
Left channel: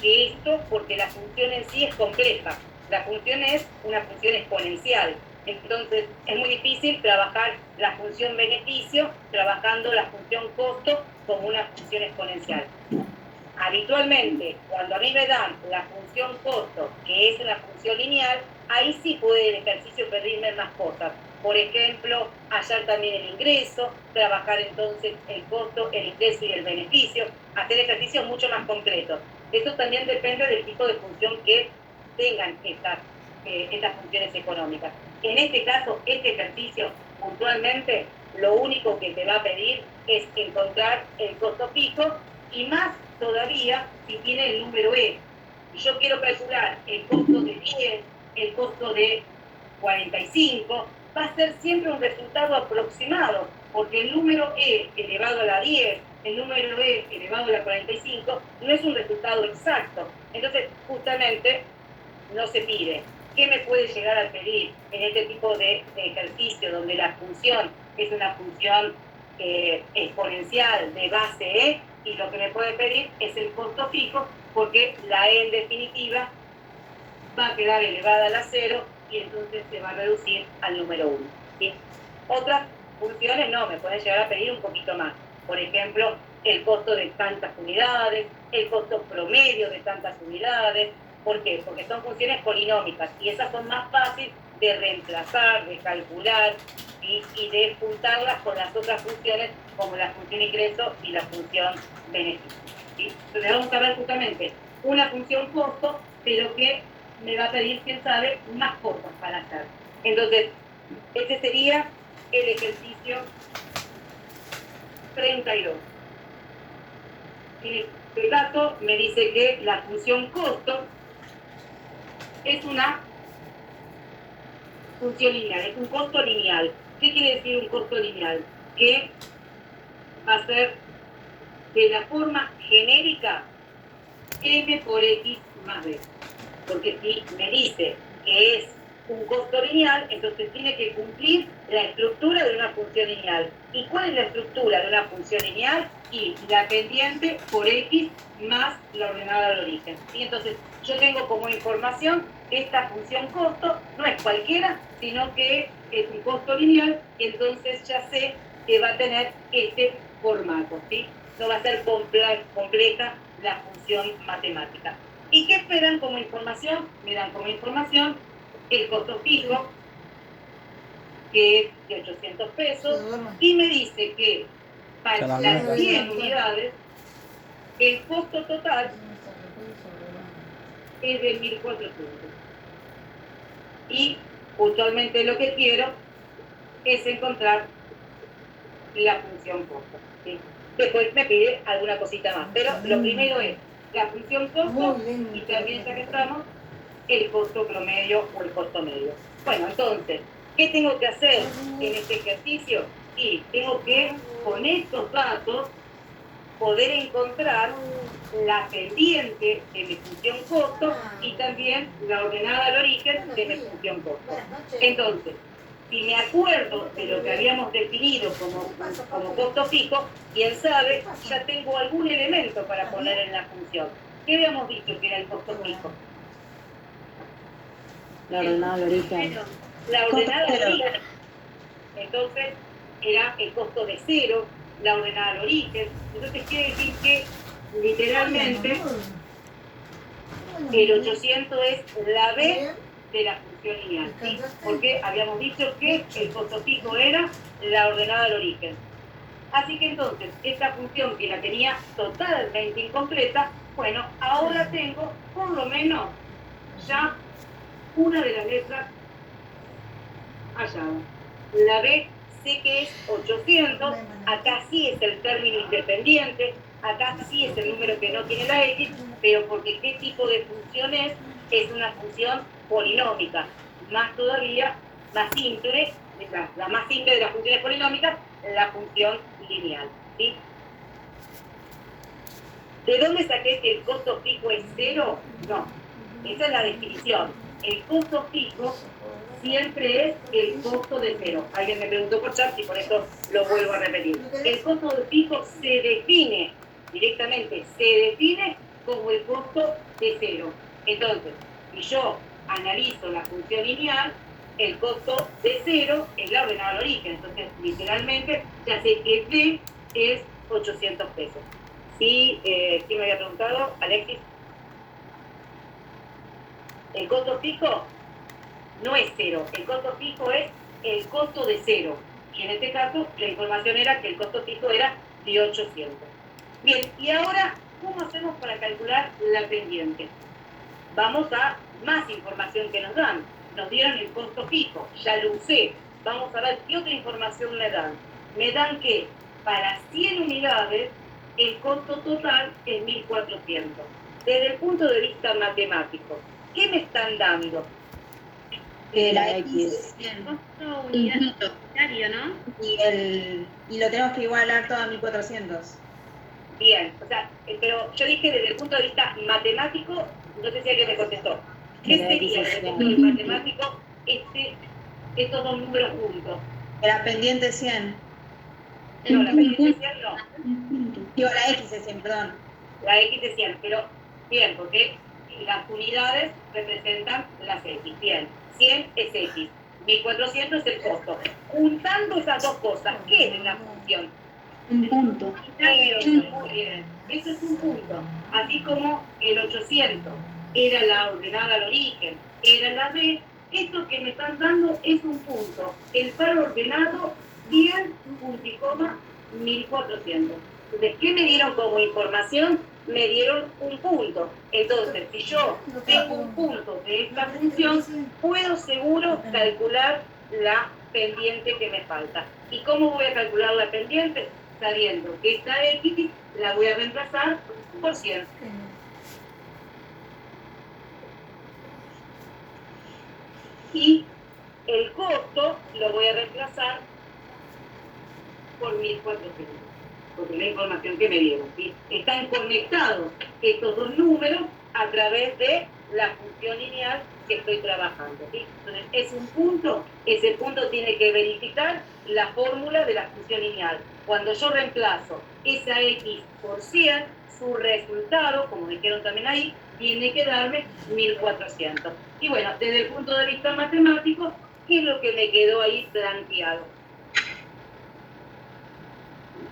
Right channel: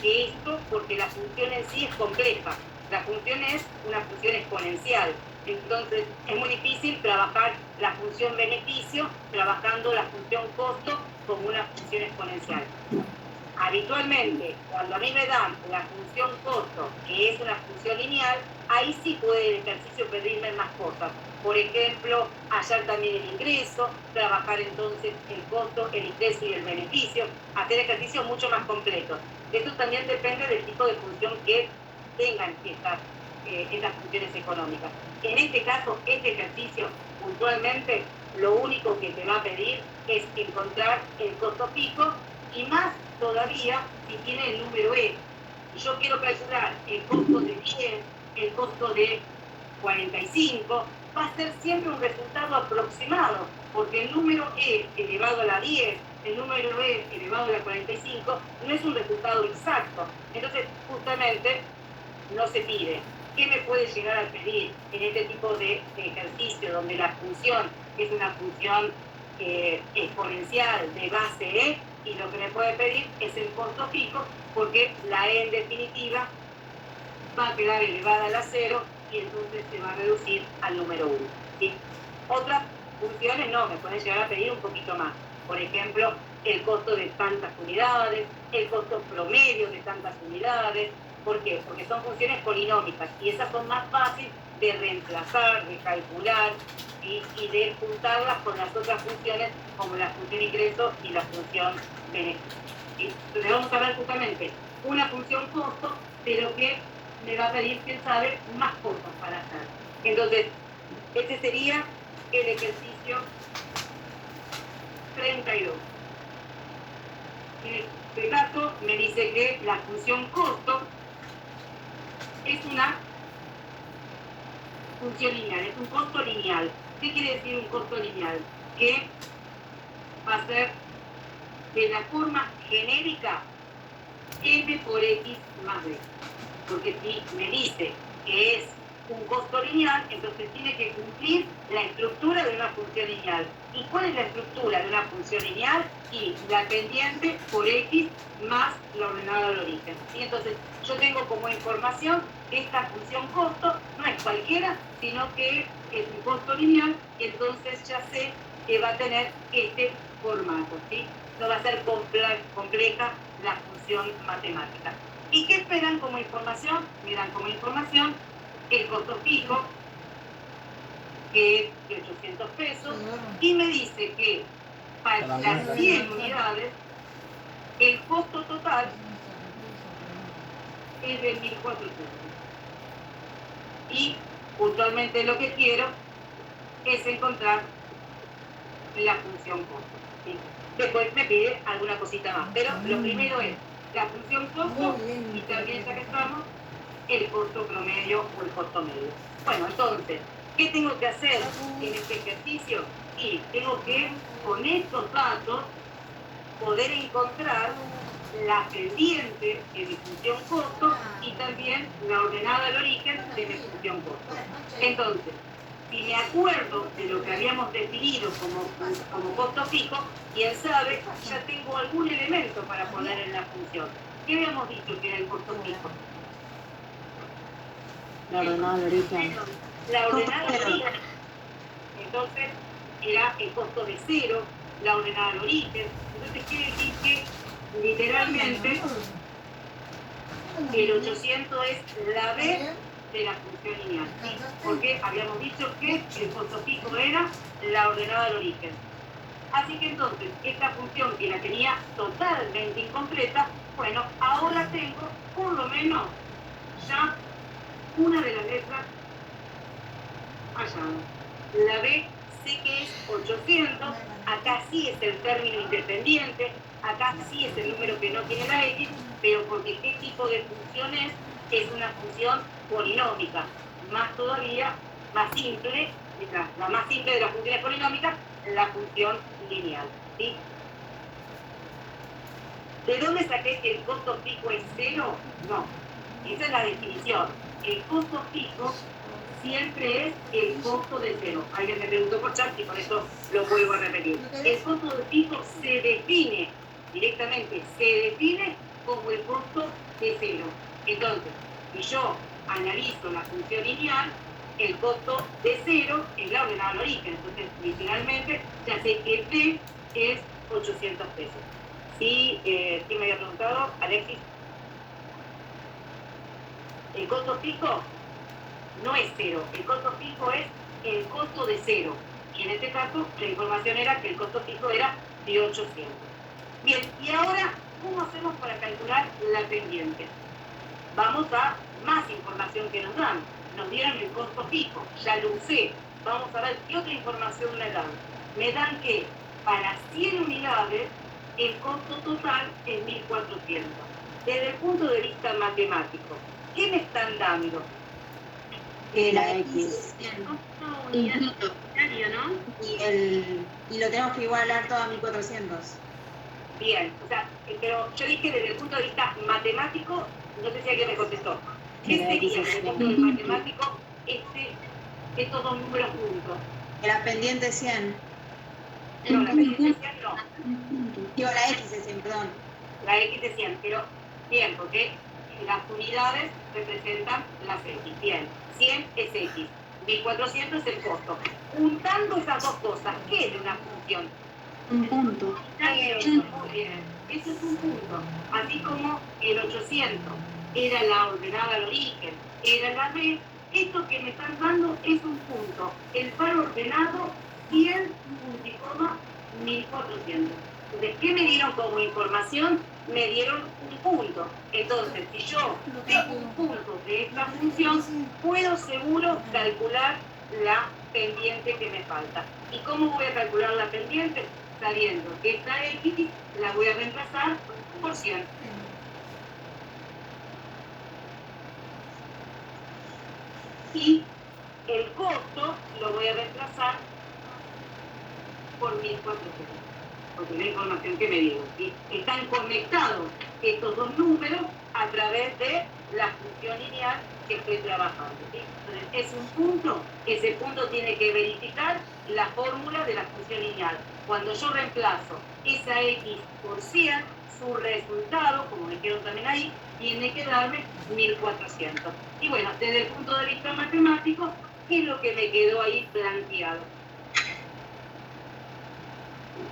que esto porque la función en sí es compleja. La función es una función exponencial. Entonces, es muy difícil trabajar la función beneficio trabajando la función costo como una función exponencial. Habitualmente, cuando a mí me dan la función costo, que es una función lineal, ahí sí puede el ejercicio pedirme más cosas. Por ejemplo, hallar también el ingreso, trabajar entonces el costo, el ingreso y el beneficio, hacer ejercicios mucho más completos. Eso también depende del tipo de función que tengan estas funciones económicas. En este caso, este ejercicio, puntualmente, lo único que te va a pedir es encontrar el costo fijo y más todavía si tiene el número E. Yo quiero calcular el costo de 10, el costo de 45, va a ser siempre un resultado aproximado, porque el número E elevado a la 10, el número E elevado a la 45, no es un resultado exacto. Entonces, justamente, no se pide. ¿Qué me puede llegar a pedir en este tipo de ejercicio donde la función es una función exponencial de base E? Y lo que me puede pedir es el costo fijo, porque la E en definitiva va a quedar elevada a la 0 y entonces se va a reducir al número 1. ¿Sí? Otras funciones no, me pueden llegar a pedir un poquito más. Por ejemplo, el costo de tantas unidades, el costo promedio de tantas unidades. ¿Por qué? Porque son funciones polinómicas y esas son más fáciles de reemplazar, de calcular y de juntarlas con las otras funciones como la función ingreso y la función beneficio. ¿Sí? Entonces vamos a ver justamente una función costo, pero que me va a pedir, quién sabe, más cosas para hacer. Entonces, este sería el ejercicio 32. En este caso me dice que la función costo es una función lineal, es un costo lineal. ¿Qué quiere decir un costo lineal? Que va a ser de la forma genérica m por x más b. Porque si me dice que es un costo lineal, entonces tiene que cumplir la estructura de una función lineal. ¿Y cuál es la estructura de una función lineal? Y la pendiente por x más la ordenada al origen. ¿Sí? Entonces, yo tengo como información que esta función costo no es cualquiera, sino que es un costo lineal, y entonces ya sé que va a tener este formato. ¿Sí? No va a ser compleja la función matemática. ¿Y qué esperan como información? Me dan como información el costo fijo, que es de 800 pesos, y me dice que para las 100 unidades, el costo total es de 1.400. Y puntualmente lo que quiero es encontrar la función costo. ¿Sí? Después me pide alguna cosita más, pero lo primero es la función costo y también, ya que estamos, el costo promedio o el costo medio. Bueno, entonces, ¿qué tengo que hacer en este ejercicio? Y tengo que, con estos datos, poder encontrar la pendiente de mi función costo y también la ordenada al origen de mi función costo. Entonces, si me acuerdo de lo que habíamos definido como costo fijo, quién sabe, ya tengo algún elemento para poner en la función. ¿Qué habíamos dicho que era el costo fijo? La ordenada al origen. la ordenada Costo al cero. origen. Entonces era el costo de cero, la ordenada al origen. Entonces quiere decir que literalmente el 800 es la B de la función lineal, ¿sí? Porque habíamos dicho que el costo fijo era la ordenada al origen. Así que entonces, esta función que la tenía totalmente incompleta, bueno, ahora tengo por lo menos ya una de las letras hallada. La B sé que es 800, acá sí es el término independiente, acá sí es el número que no tiene la X, pero porque qué tipo de función es una función polinómica, más todavía, más simple, la más simple de las funciones polinómicas, la función lineal, ¿sí? ¿De dónde saqué que el costo fijo es cero? No, esa es la definición. El costo fijo siempre es el costo de cero. Alguien me preguntó por chat y por eso lo vuelvo a repetir. El costo de fijo se define directamente, se define como el costo de cero. Entonces, si yo analizo la función lineal, el costo de cero es la ordenada al origen. Entonces, literalmente, ya sé que D es 800 pesos. ¿Sí? ¿Quién me había preguntado? Alexis. El costo fijo no es cero, el costo fijo es el costo de cero. Y en este caso, la información era que el costo fijo era de 800. Bien, y ahora, ¿cómo hacemos para calcular la pendiente? Vamos a más información que nos dan. Nos dieron el costo fijo, ya lo usé. Vamos a ver qué otra información me dan. Me dan que para 100 unidades, el costo total es 1.400. Desde el punto de vista matemático, ¿qué me están dando? La X. Costo unitario, ¿no? Y lo tenemos que igualar todo a 1400. Bien, o sea, pero yo dije desde el punto de vista matemático, no sé si alguien me contestó. ¿Qué sería desde el punto de vista matemático estos dos números juntos? La pendiente 100. No, la pendiente 100 no. Digo, la X es 100, perdón. La X es 100, pero bien, porque las unidades representan las X. Bien, 100 es X, 1400 es el costo. Juntando esas dos cosas, ¿qué es una función? Un punto. Muy bien, eso es un punto. Así como el 800 era la ordenada al origen, era la B, esto que me están dando es un punto. El par ordenado, 100, punto y coma, 1400. Entonces, ¿qué me dieron como información? Me dieron un punto. Entonces, si yo tengo un punto de esta función, puedo seguro calcular la pendiente que me falta. ¿Y cómo voy a calcular la pendiente? Sabiendo que esta X la voy a reemplazar por 100. Y el costo lo voy a reemplazar por 1400. Porque es la información que me dieron, ¿sí? Están conectados estos dos números a través de la función lineal que estoy trabajando, ¿sí? Entonces, es un punto, ese punto tiene que verificar la fórmula de la función lineal. Cuando yo reemplazo esa X por 100, su resultado, como dijeron también ahí, tiene que darme 1400. Y bueno, desde el punto de vista matemático, ¿qué es lo que me quedó ahí planteado?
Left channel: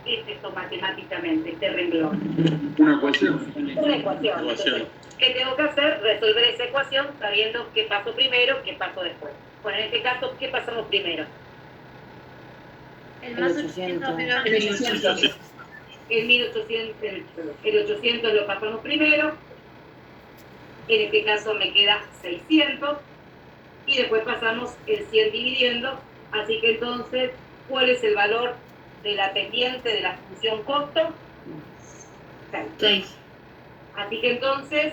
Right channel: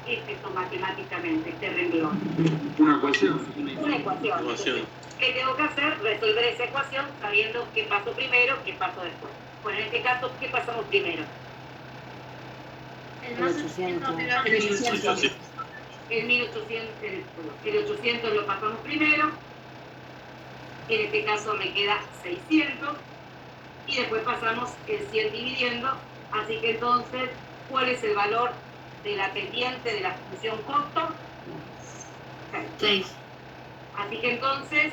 ¿Qué es esto matemáticamente, este renglón? Una ecuación. Una ecuación. Ecuación. ¿Qué tengo que hacer? Resolver esa ecuación sabiendo qué paso primero, qué paso después. Bueno, en este caso, ¿qué pasamos primero? El más 800 menos El 800. El 1800, el 800 lo pasamos primero. En este caso me queda 600. Y después pasamos el 100 dividiendo. Así que entonces, ¿cuál es el valor de la pendiente de la función costo? 6. Así que entonces,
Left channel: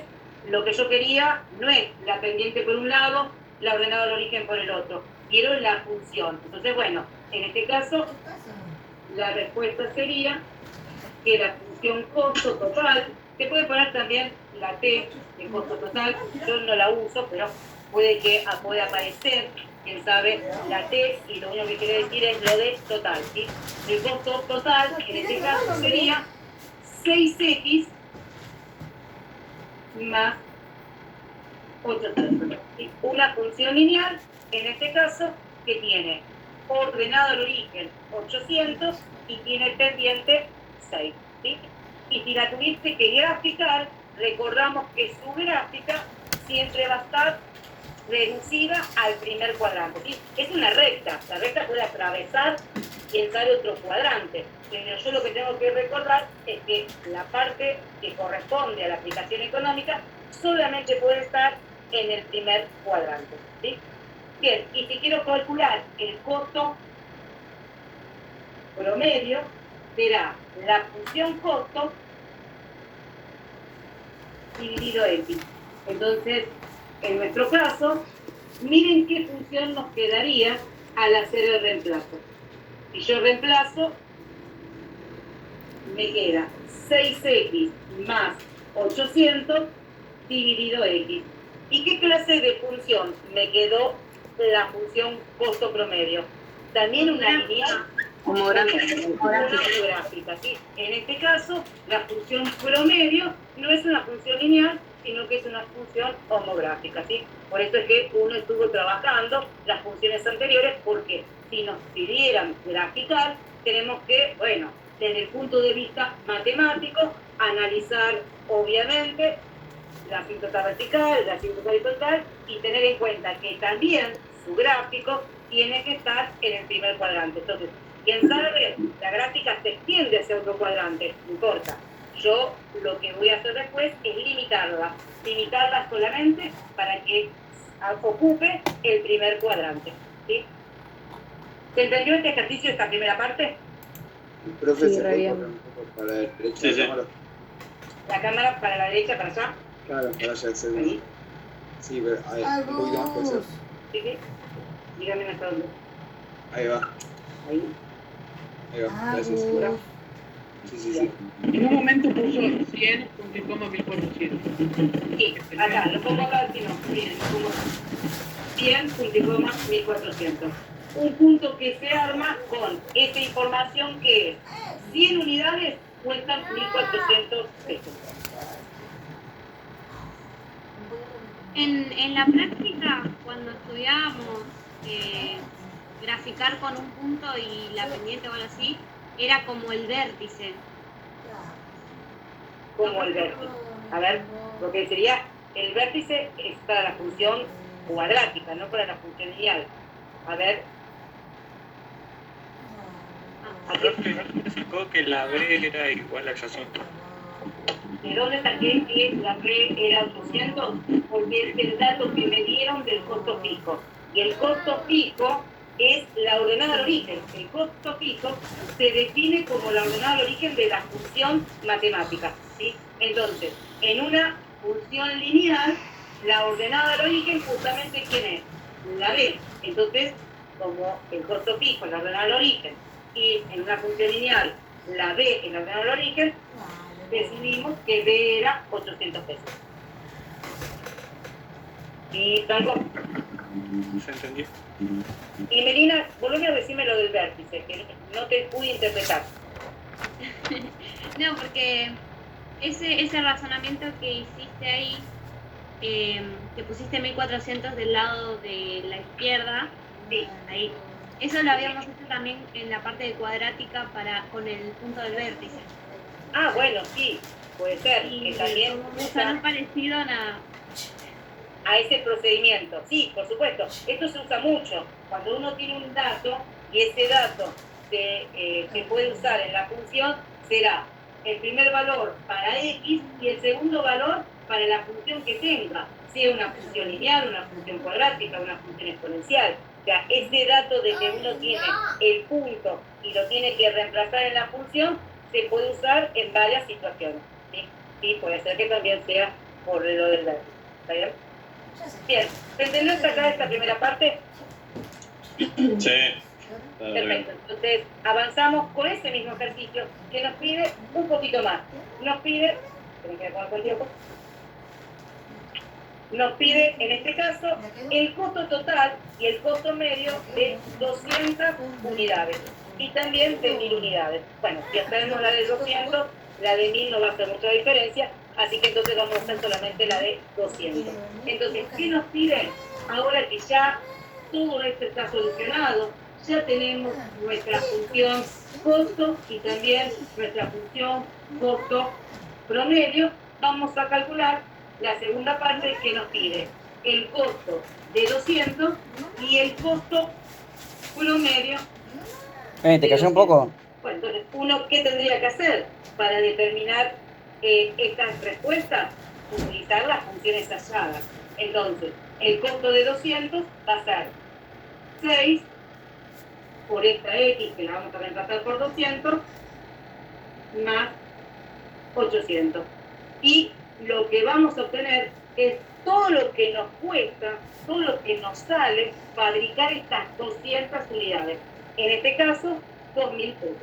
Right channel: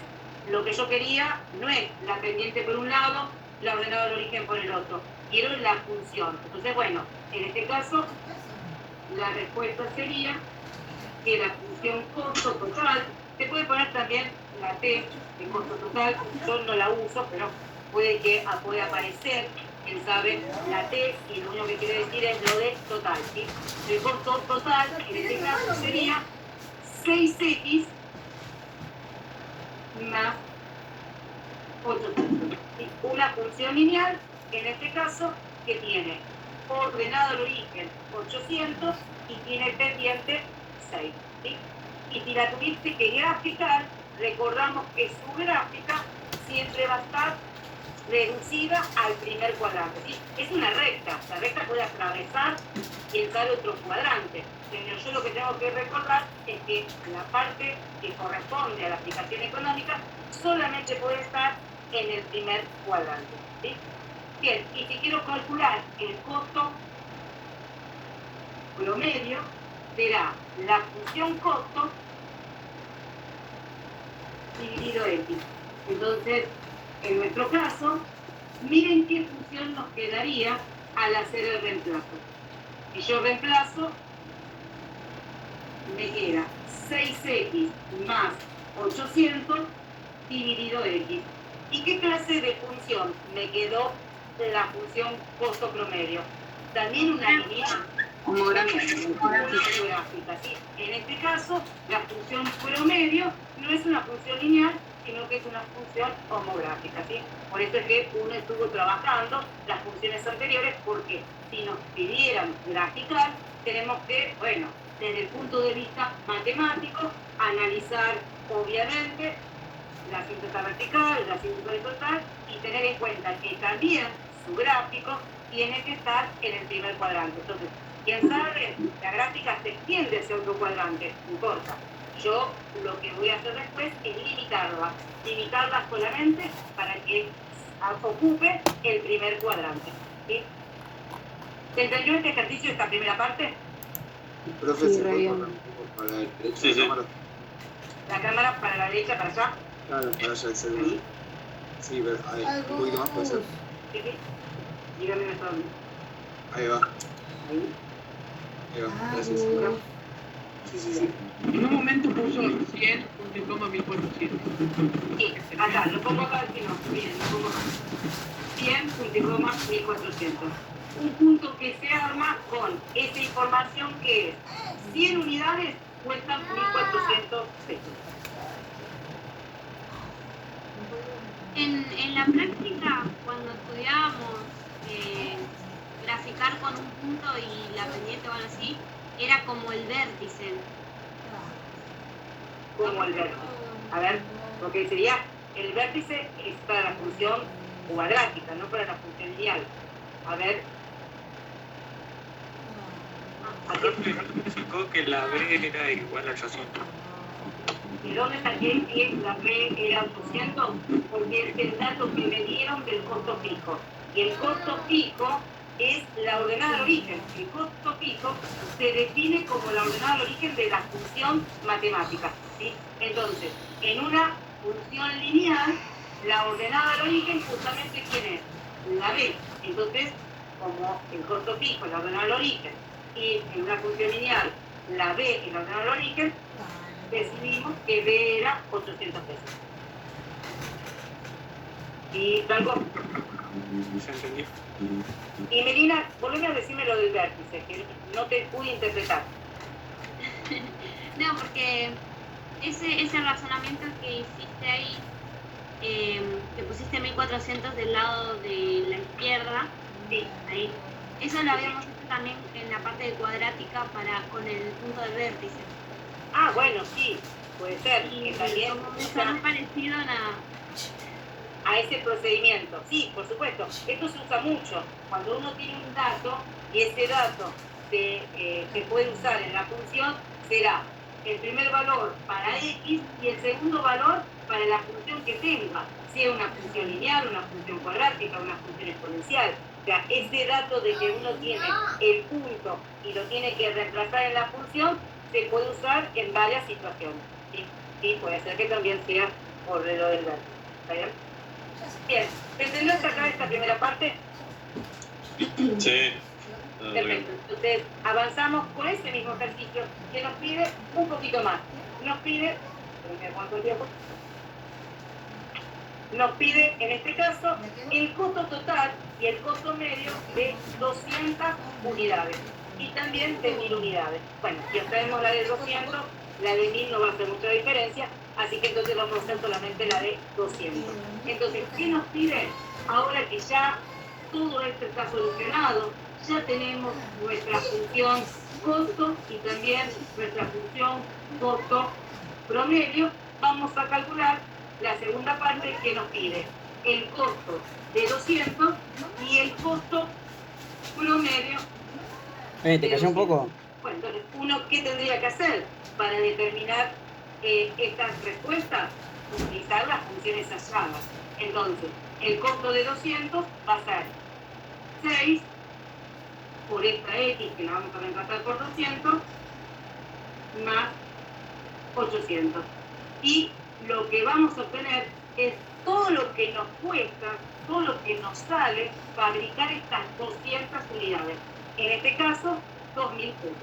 lo que yo quería no es la pendiente por un lado, la ordenada al origen por el otro. Quiero la función. Entonces, bueno, en este caso, la respuesta sería que la función costo total, se puede poner también la T de costo total, yo no la uso, pero puede que pueda aparecer, quién sabe, la T, y lo único que quiere decir es lo de total, ¿sí? El costo total, en este caso, sería 6X más 800. ¿Sí? Una función lineal en este caso, que tiene ordenado el origen 800 y tiene pendiente 6. ¿Sí? Y si la tuviste que graficar, recordamos que su gráfica siempre va a estar reducida al primer cuadrante. ¿Sí? Es una recta, la recta puede atravesar y entrar otro cuadrante, pero yo lo que tengo que recordar es que la parte que corresponde a la aplicación económica solamente puede estar en el primer cuadrante. ¿Sí? Bien, y si quiero calcular el costo promedio, será la función costo dividido X. Entonces, en nuestro caso, miren qué función nos quedaría al hacer el reemplazo. Si yo reemplazo, me queda 6x más 800 dividido X. ¿Y qué clase de función me quedó la función costo promedio? También una lineal. Homográfica, ¿sí? En este caso, la función promedio no es una función lineal, sino que es una función homográfica, ¿sí? Por eso es que uno estuvo trabajando las funciones anteriores, porque si nos pidieran graficar, tenemos que, bueno, desde el punto de vista matemático, analizar, obviamente, la asíntota vertical, la asíntota horizontal, y tener en cuenta que también su gráfico tiene que estar en el primer cuadrante. Entonces, quien sabe, la gráfica se extiende hacia otro cuadrante, no importa. Yo lo que voy a hacer después es limitarla solamente para que ocupe el primer cuadrante. ¿Sí? ¿Se entendió este ejercicio, esta primera parte? Profe, Sí, ¿se puede re correr un poco para la derecha Sí, de sí. la cámara? La cámara para la derecha, para allá. Claro, para allá el segundo. Ahí. Sí, pero ahí, un poquito más puede ser. ¿Sí? ¿Sí? Dígame hasta dónde. Ahí va, Ahí. ahí va, gracias. Sí, sí, sí. En un momento puso 100, punto y coma 1400. Sí, acá, lo pongo acá al final. Miren, lo pongo acá. 100, punto y coma, 1400. Un punto que se arma con esa información que es 100 unidades cuestan 1.400 pesos. En la práctica, cuando estudiábamos graficar con un punto y la pendiente o algo así, era como el vértice. Como el vértice. A ver, lo que sería el vértice es para la función cuadrática, no para la función lineal. A ver. Profe, ¿no significó que la B era igual a 800? ¿De dónde saqué que la B era 800? Porque es el dato que me dieron del costo fijo. Y el costo fijo es la ordenada de origen. El costo fijo se define como la ordenada de origen de la función matemática. ¿Sí? Entonces, en una función lineal, la ordenada del origen justamente ¿quién es? Una B. Entonces, como el costo fijo es la ordenada del origen, y en una función lineal la B es la ordenada del origen, decidimos que B era 800 pesos. Y Franco, ¿Se entendió? y Melina, volveme a decirme lo del vértice, que no te pude interpretar. No, porque ese razonamiento que hiciste ahí, que pusiste 1400 del lado de la izquierda, Sí, ahí, eso lo habíamos hecho también en la parte de cuadrática con el punto del vértice. ah, bueno, sí, puede ser, Y que también como usa son parecido a ese procedimiento. Sí, por supuesto, esto se usa mucho. Cuando uno tiene un dato y ese dato se puede usar en la función, será el primer valor para X y el segundo valor para la función que tenga, sea una función lineal, una función cuadrática, una función exponencial. O sea, ese dato de que uno tiene el punto y lo tiene que reemplazar en la función, se puede usar en varias situaciones. ¿Sí? Sí, puede ser que también sea por lo del dato. ¿Está bien? Bien, ¿se entendió hasta acá esta primera parte? Sí. Perfecto, entonces avanzamos con ese mismo ejercicio que nos pide un poquito más. Nos pide, nos pide en este caso el costo total y el costo medio de 200 unidades y también de 1000 unidades. Bueno, ya sabemos la de 200, la de 1000 no va a hacer mucha diferencia, así que entonces vamos a hacer solamente la de 200. Entonces, ¿qué nos pide? Ahora que ya todo esto está solucionado. Ya tenemos nuestra función costo y también nuestra función costo promedio. Vamos a calcular la segunda parte que nos pide el costo de 200 y el costo promedio. ¿Te cayó un poco? Bueno, entonces, ¿uno qué tendría que hacer para determinar estas respuestas? Utilizar las funciones halladas. Entonces, el costo de 200 va a ser 6 por esta X, que la vamos a reemplazar por 200, más 800. Y lo que vamos a obtener es todo lo que nos cuesta, todo lo que nos sale fabricar estas 200 unidades. En este caso, 2.000 pesos.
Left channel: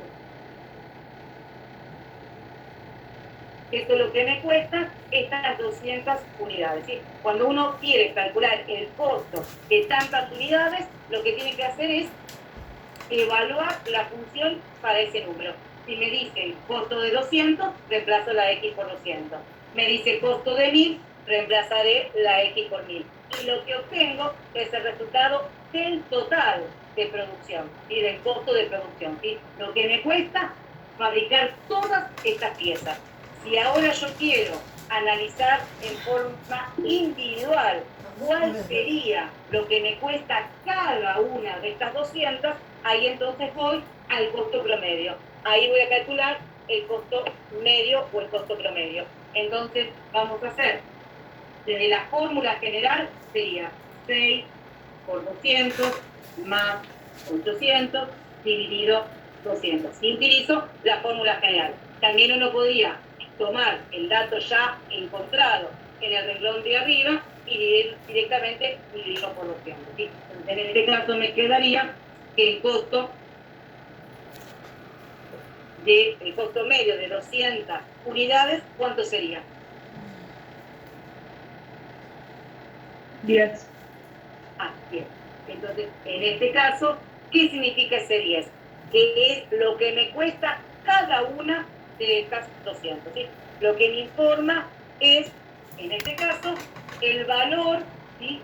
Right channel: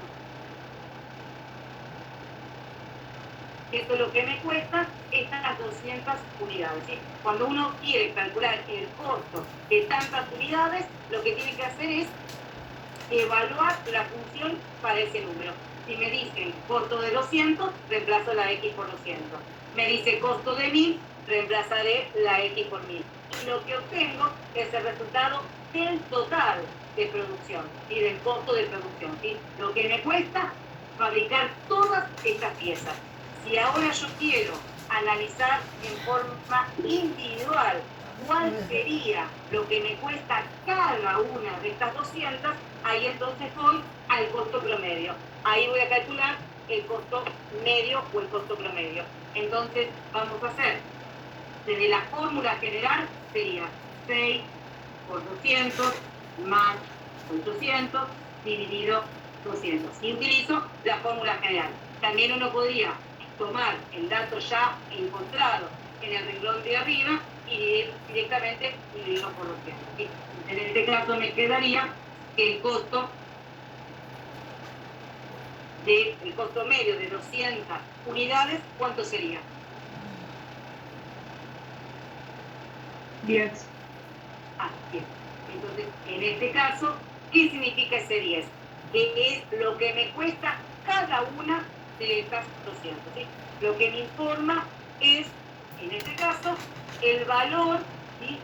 Esto es lo que me cuesta estas 200 unidades. ¿Sí? Cuando uno quiere calcular el costo de tantas unidades, lo que tiene que hacer es evaluar la función para ese número. Si me dicen costo de 200, reemplazo la X por 200. Me dice costo de 1000, reemplazaré la X por 1000. Y lo que obtengo es el resultado del total de producción y del costo de producción. ¿Sí? Lo que me cuesta fabricar todas estas piezas. Si ahora yo quiero analizar en forma individual cuál sería lo que me cuesta cada una de estas 200, ahí entonces voy al costo promedio. Ahí voy a calcular el costo medio o el costo promedio. Entonces vamos a hacer, desde la fórmula general sería 6 por 200 más 800 dividido 200. Y utilizo la fórmula general. También uno podría tomar el dato ya encontrado en el renglón de arriba y directamente dividirlo por 200. ¿Sí? En este caso me quedaría que el costo medio de 200 unidades, ¿cuánto sería? 10. Ah, bien. Entonces, en este caso, ¿qué significa ese 10? Que es lo que me cuesta cada una de estas 200. ¿Sí? Lo que me informa es, en este caso, el valor, ¿sí?,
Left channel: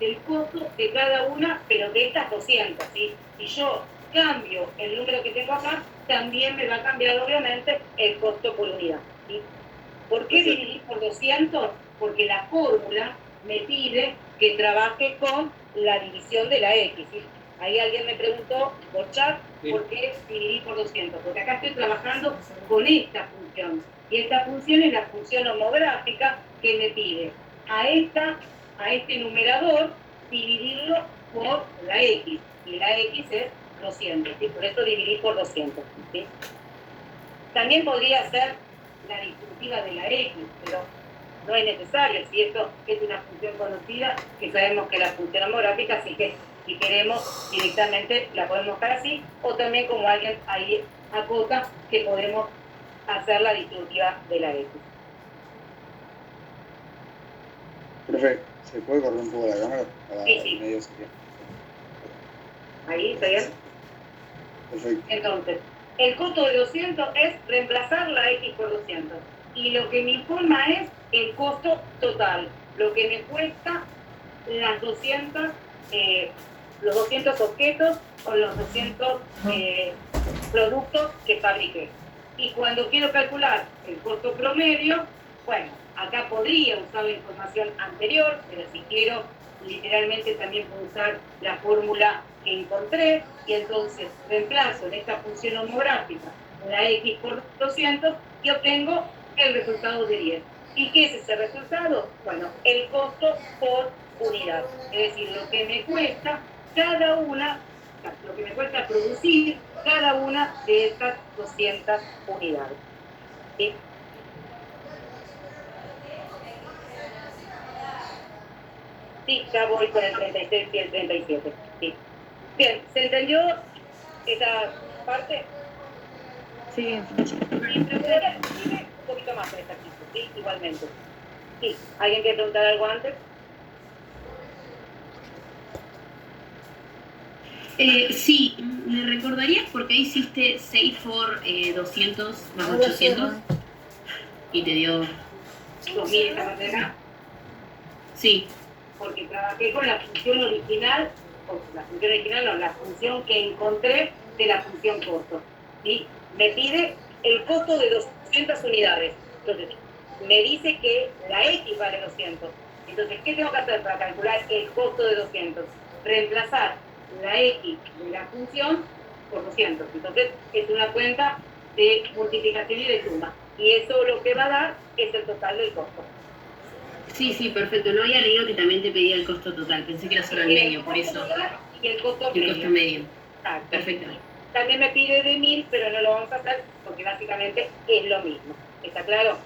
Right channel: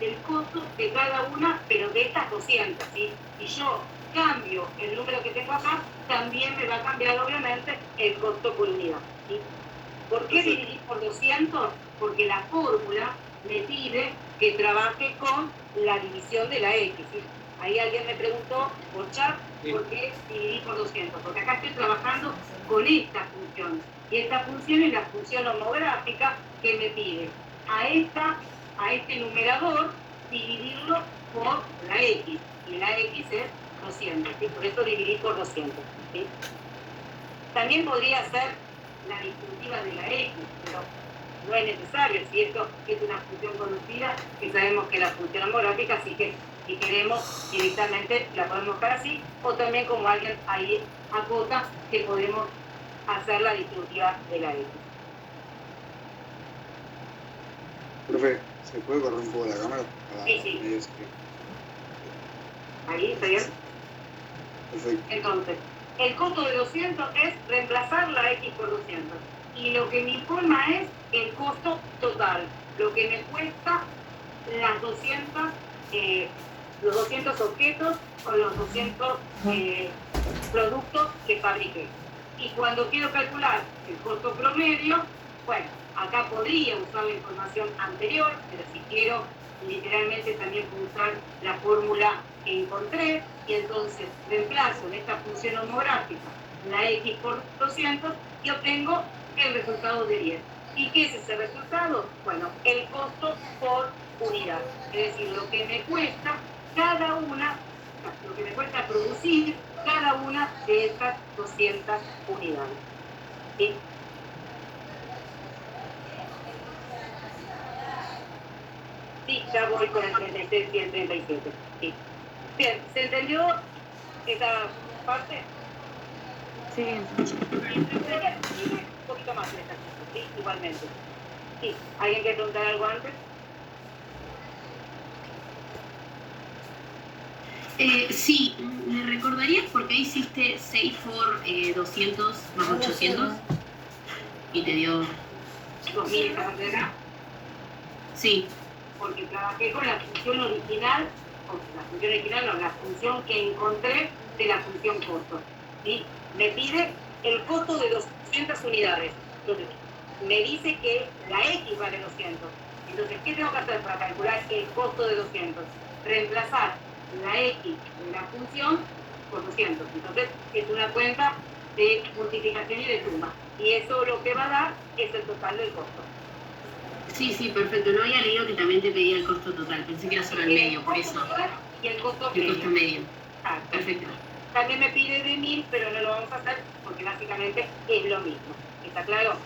del costo de cada una, pero de estas 200. ¿Sí? Si yo cambio el número que tengo acá, también me va a cambiar obviamente el costo por unidad. ¿Sí? ¿Por qué dividir por 200? Porque la fórmula me pide que trabaje con la división de la X. ¿Sí? Ahí alguien me preguntó por chat, ¿por qué dividir por 200? Porque acá estoy trabajando con esta función. Y esta función es la función homográfica que me pide a este numerador dividirlo por la X. Y la X es 200. ¿Sí? Por eso dividir por 200. ¿Sí? También podría ser la distributiva de la X, pero no es necesario. Si esto es una función conocida, que sabemos que es la función homográfica, así que si queremos directamente la podemos dejar así, o también como alguien ahí acota que podemos hacer la distributiva de la X. Profe, ¿se puede correr un poco la cámara? Para Sí. medio serio? Ahí, ¿está bien? Perfecto. Entonces, el costo de 200 es reemplazar la X por 200. Y lo que me informa es el costo total, lo que me cuesta las 200, los 200 objetos o los 200 productos que fabriqué. Y cuando quiero calcular el costo promedio, bueno, acá podría usar la información anterior, pero si quiero, literalmente también puedo usar la fórmula que encontré, y entonces reemplazo en esta función homográfica la X por 200 y obtengo el resultado de 10. ¿Y qué es ese resultado? Bueno, el costo por unidad. Es decir, lo que me cuesta cada una, lo que me cuesta producir cada una de estas 200 unidades. ¿Sí? Sí, ya voy con el 36 y el 37. ¿Sí? Bien, ¿se entendió esa parte? Sí. Un poquito más el ejercicio, ¿sí? Igualmente. Sí, ¿alguien quiere preguntar algo antes? Sí, ¿me recordarías por qué hiciste 6 por 200 más 800? Y te dio... 2000 esta parte de acá. Sí. porque trabajé con la función original, la función que encontré de la función costo. ¿Sí? Me pide el costo de 200 unidades. Entonces, me dice que la X vale 200. Entonces, ¿qué tengo que hacer para calcular el costo de 200? Reemplazar la X de la función por 200. Entonces, es una cuenta de multiplicación y de suma. Y eso lo que va a dar es el total del costo. Sí, sí, perfecto. No había leído que también te pedía el costo total. Pensé que era solo el medio, por eso. Y el costo El costo medio. Ah, Perfecto. también me pide de 1000, pero no lo vamos a hacer porque básicamente es lo mismo. ¿Está claro?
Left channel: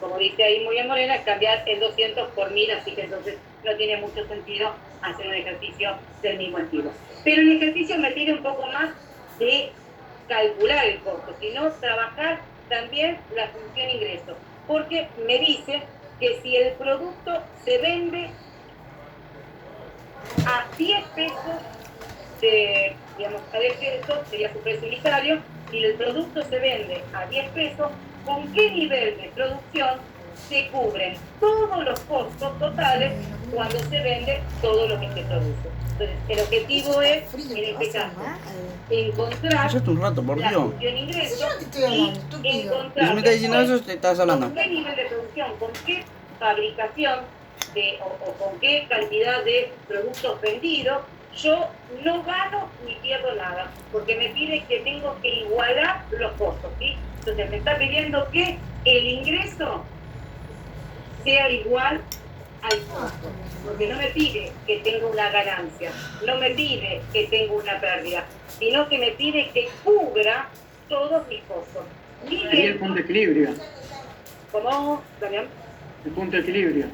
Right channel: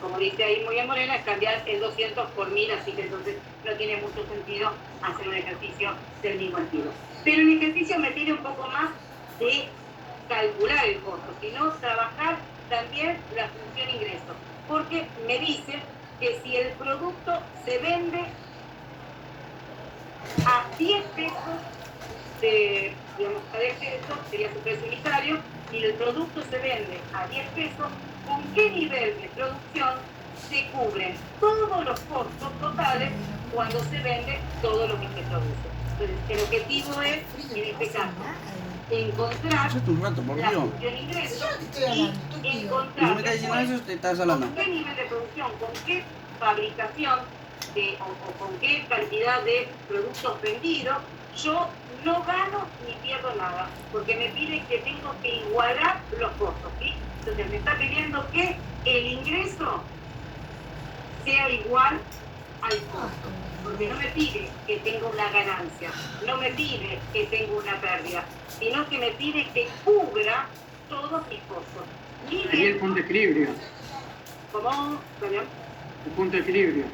Como dice ahí muy bien Morena, es cambiar el 200 por 1000, así que entonces no tiene mucho sentido hacer un ejercicio del mismo estilo. Pero el ejercicio me pide un poco más de calcular el costo, sino trabajar también la función ingreso, porque me dice que si el producto se vende a 10 pesos, digamos, a 10 pesos sería su precio unitario, y el producto se vende a 10 pesos, ¿con qué nivel de producción se cubren todos los costos totales cuando se vende todo lo que se produce? Entonces, el objetivo es, en este caso, encontrar Eso es un rato, por la Dios. función ingreso estoy y hablando, estúpido. encontrar Si me estás diciendo eso, te estás hablando. con qué nivel de producción, con qué fabricación o con qué cantidad de productos vendidos yo no gano ni pierdo nada, porque me pide que tengo que igualar los costos, ¿sí? Entonces me está pidiendo que el ingreso sea igual al costo, porque no me pide que tenga una ganancia, no me pide que tenga una pérdida, sino que me pide que cubra todos mis costos. Sería el punto de equilibrio. ¿Cómo, Damián? El punto de equilibrio.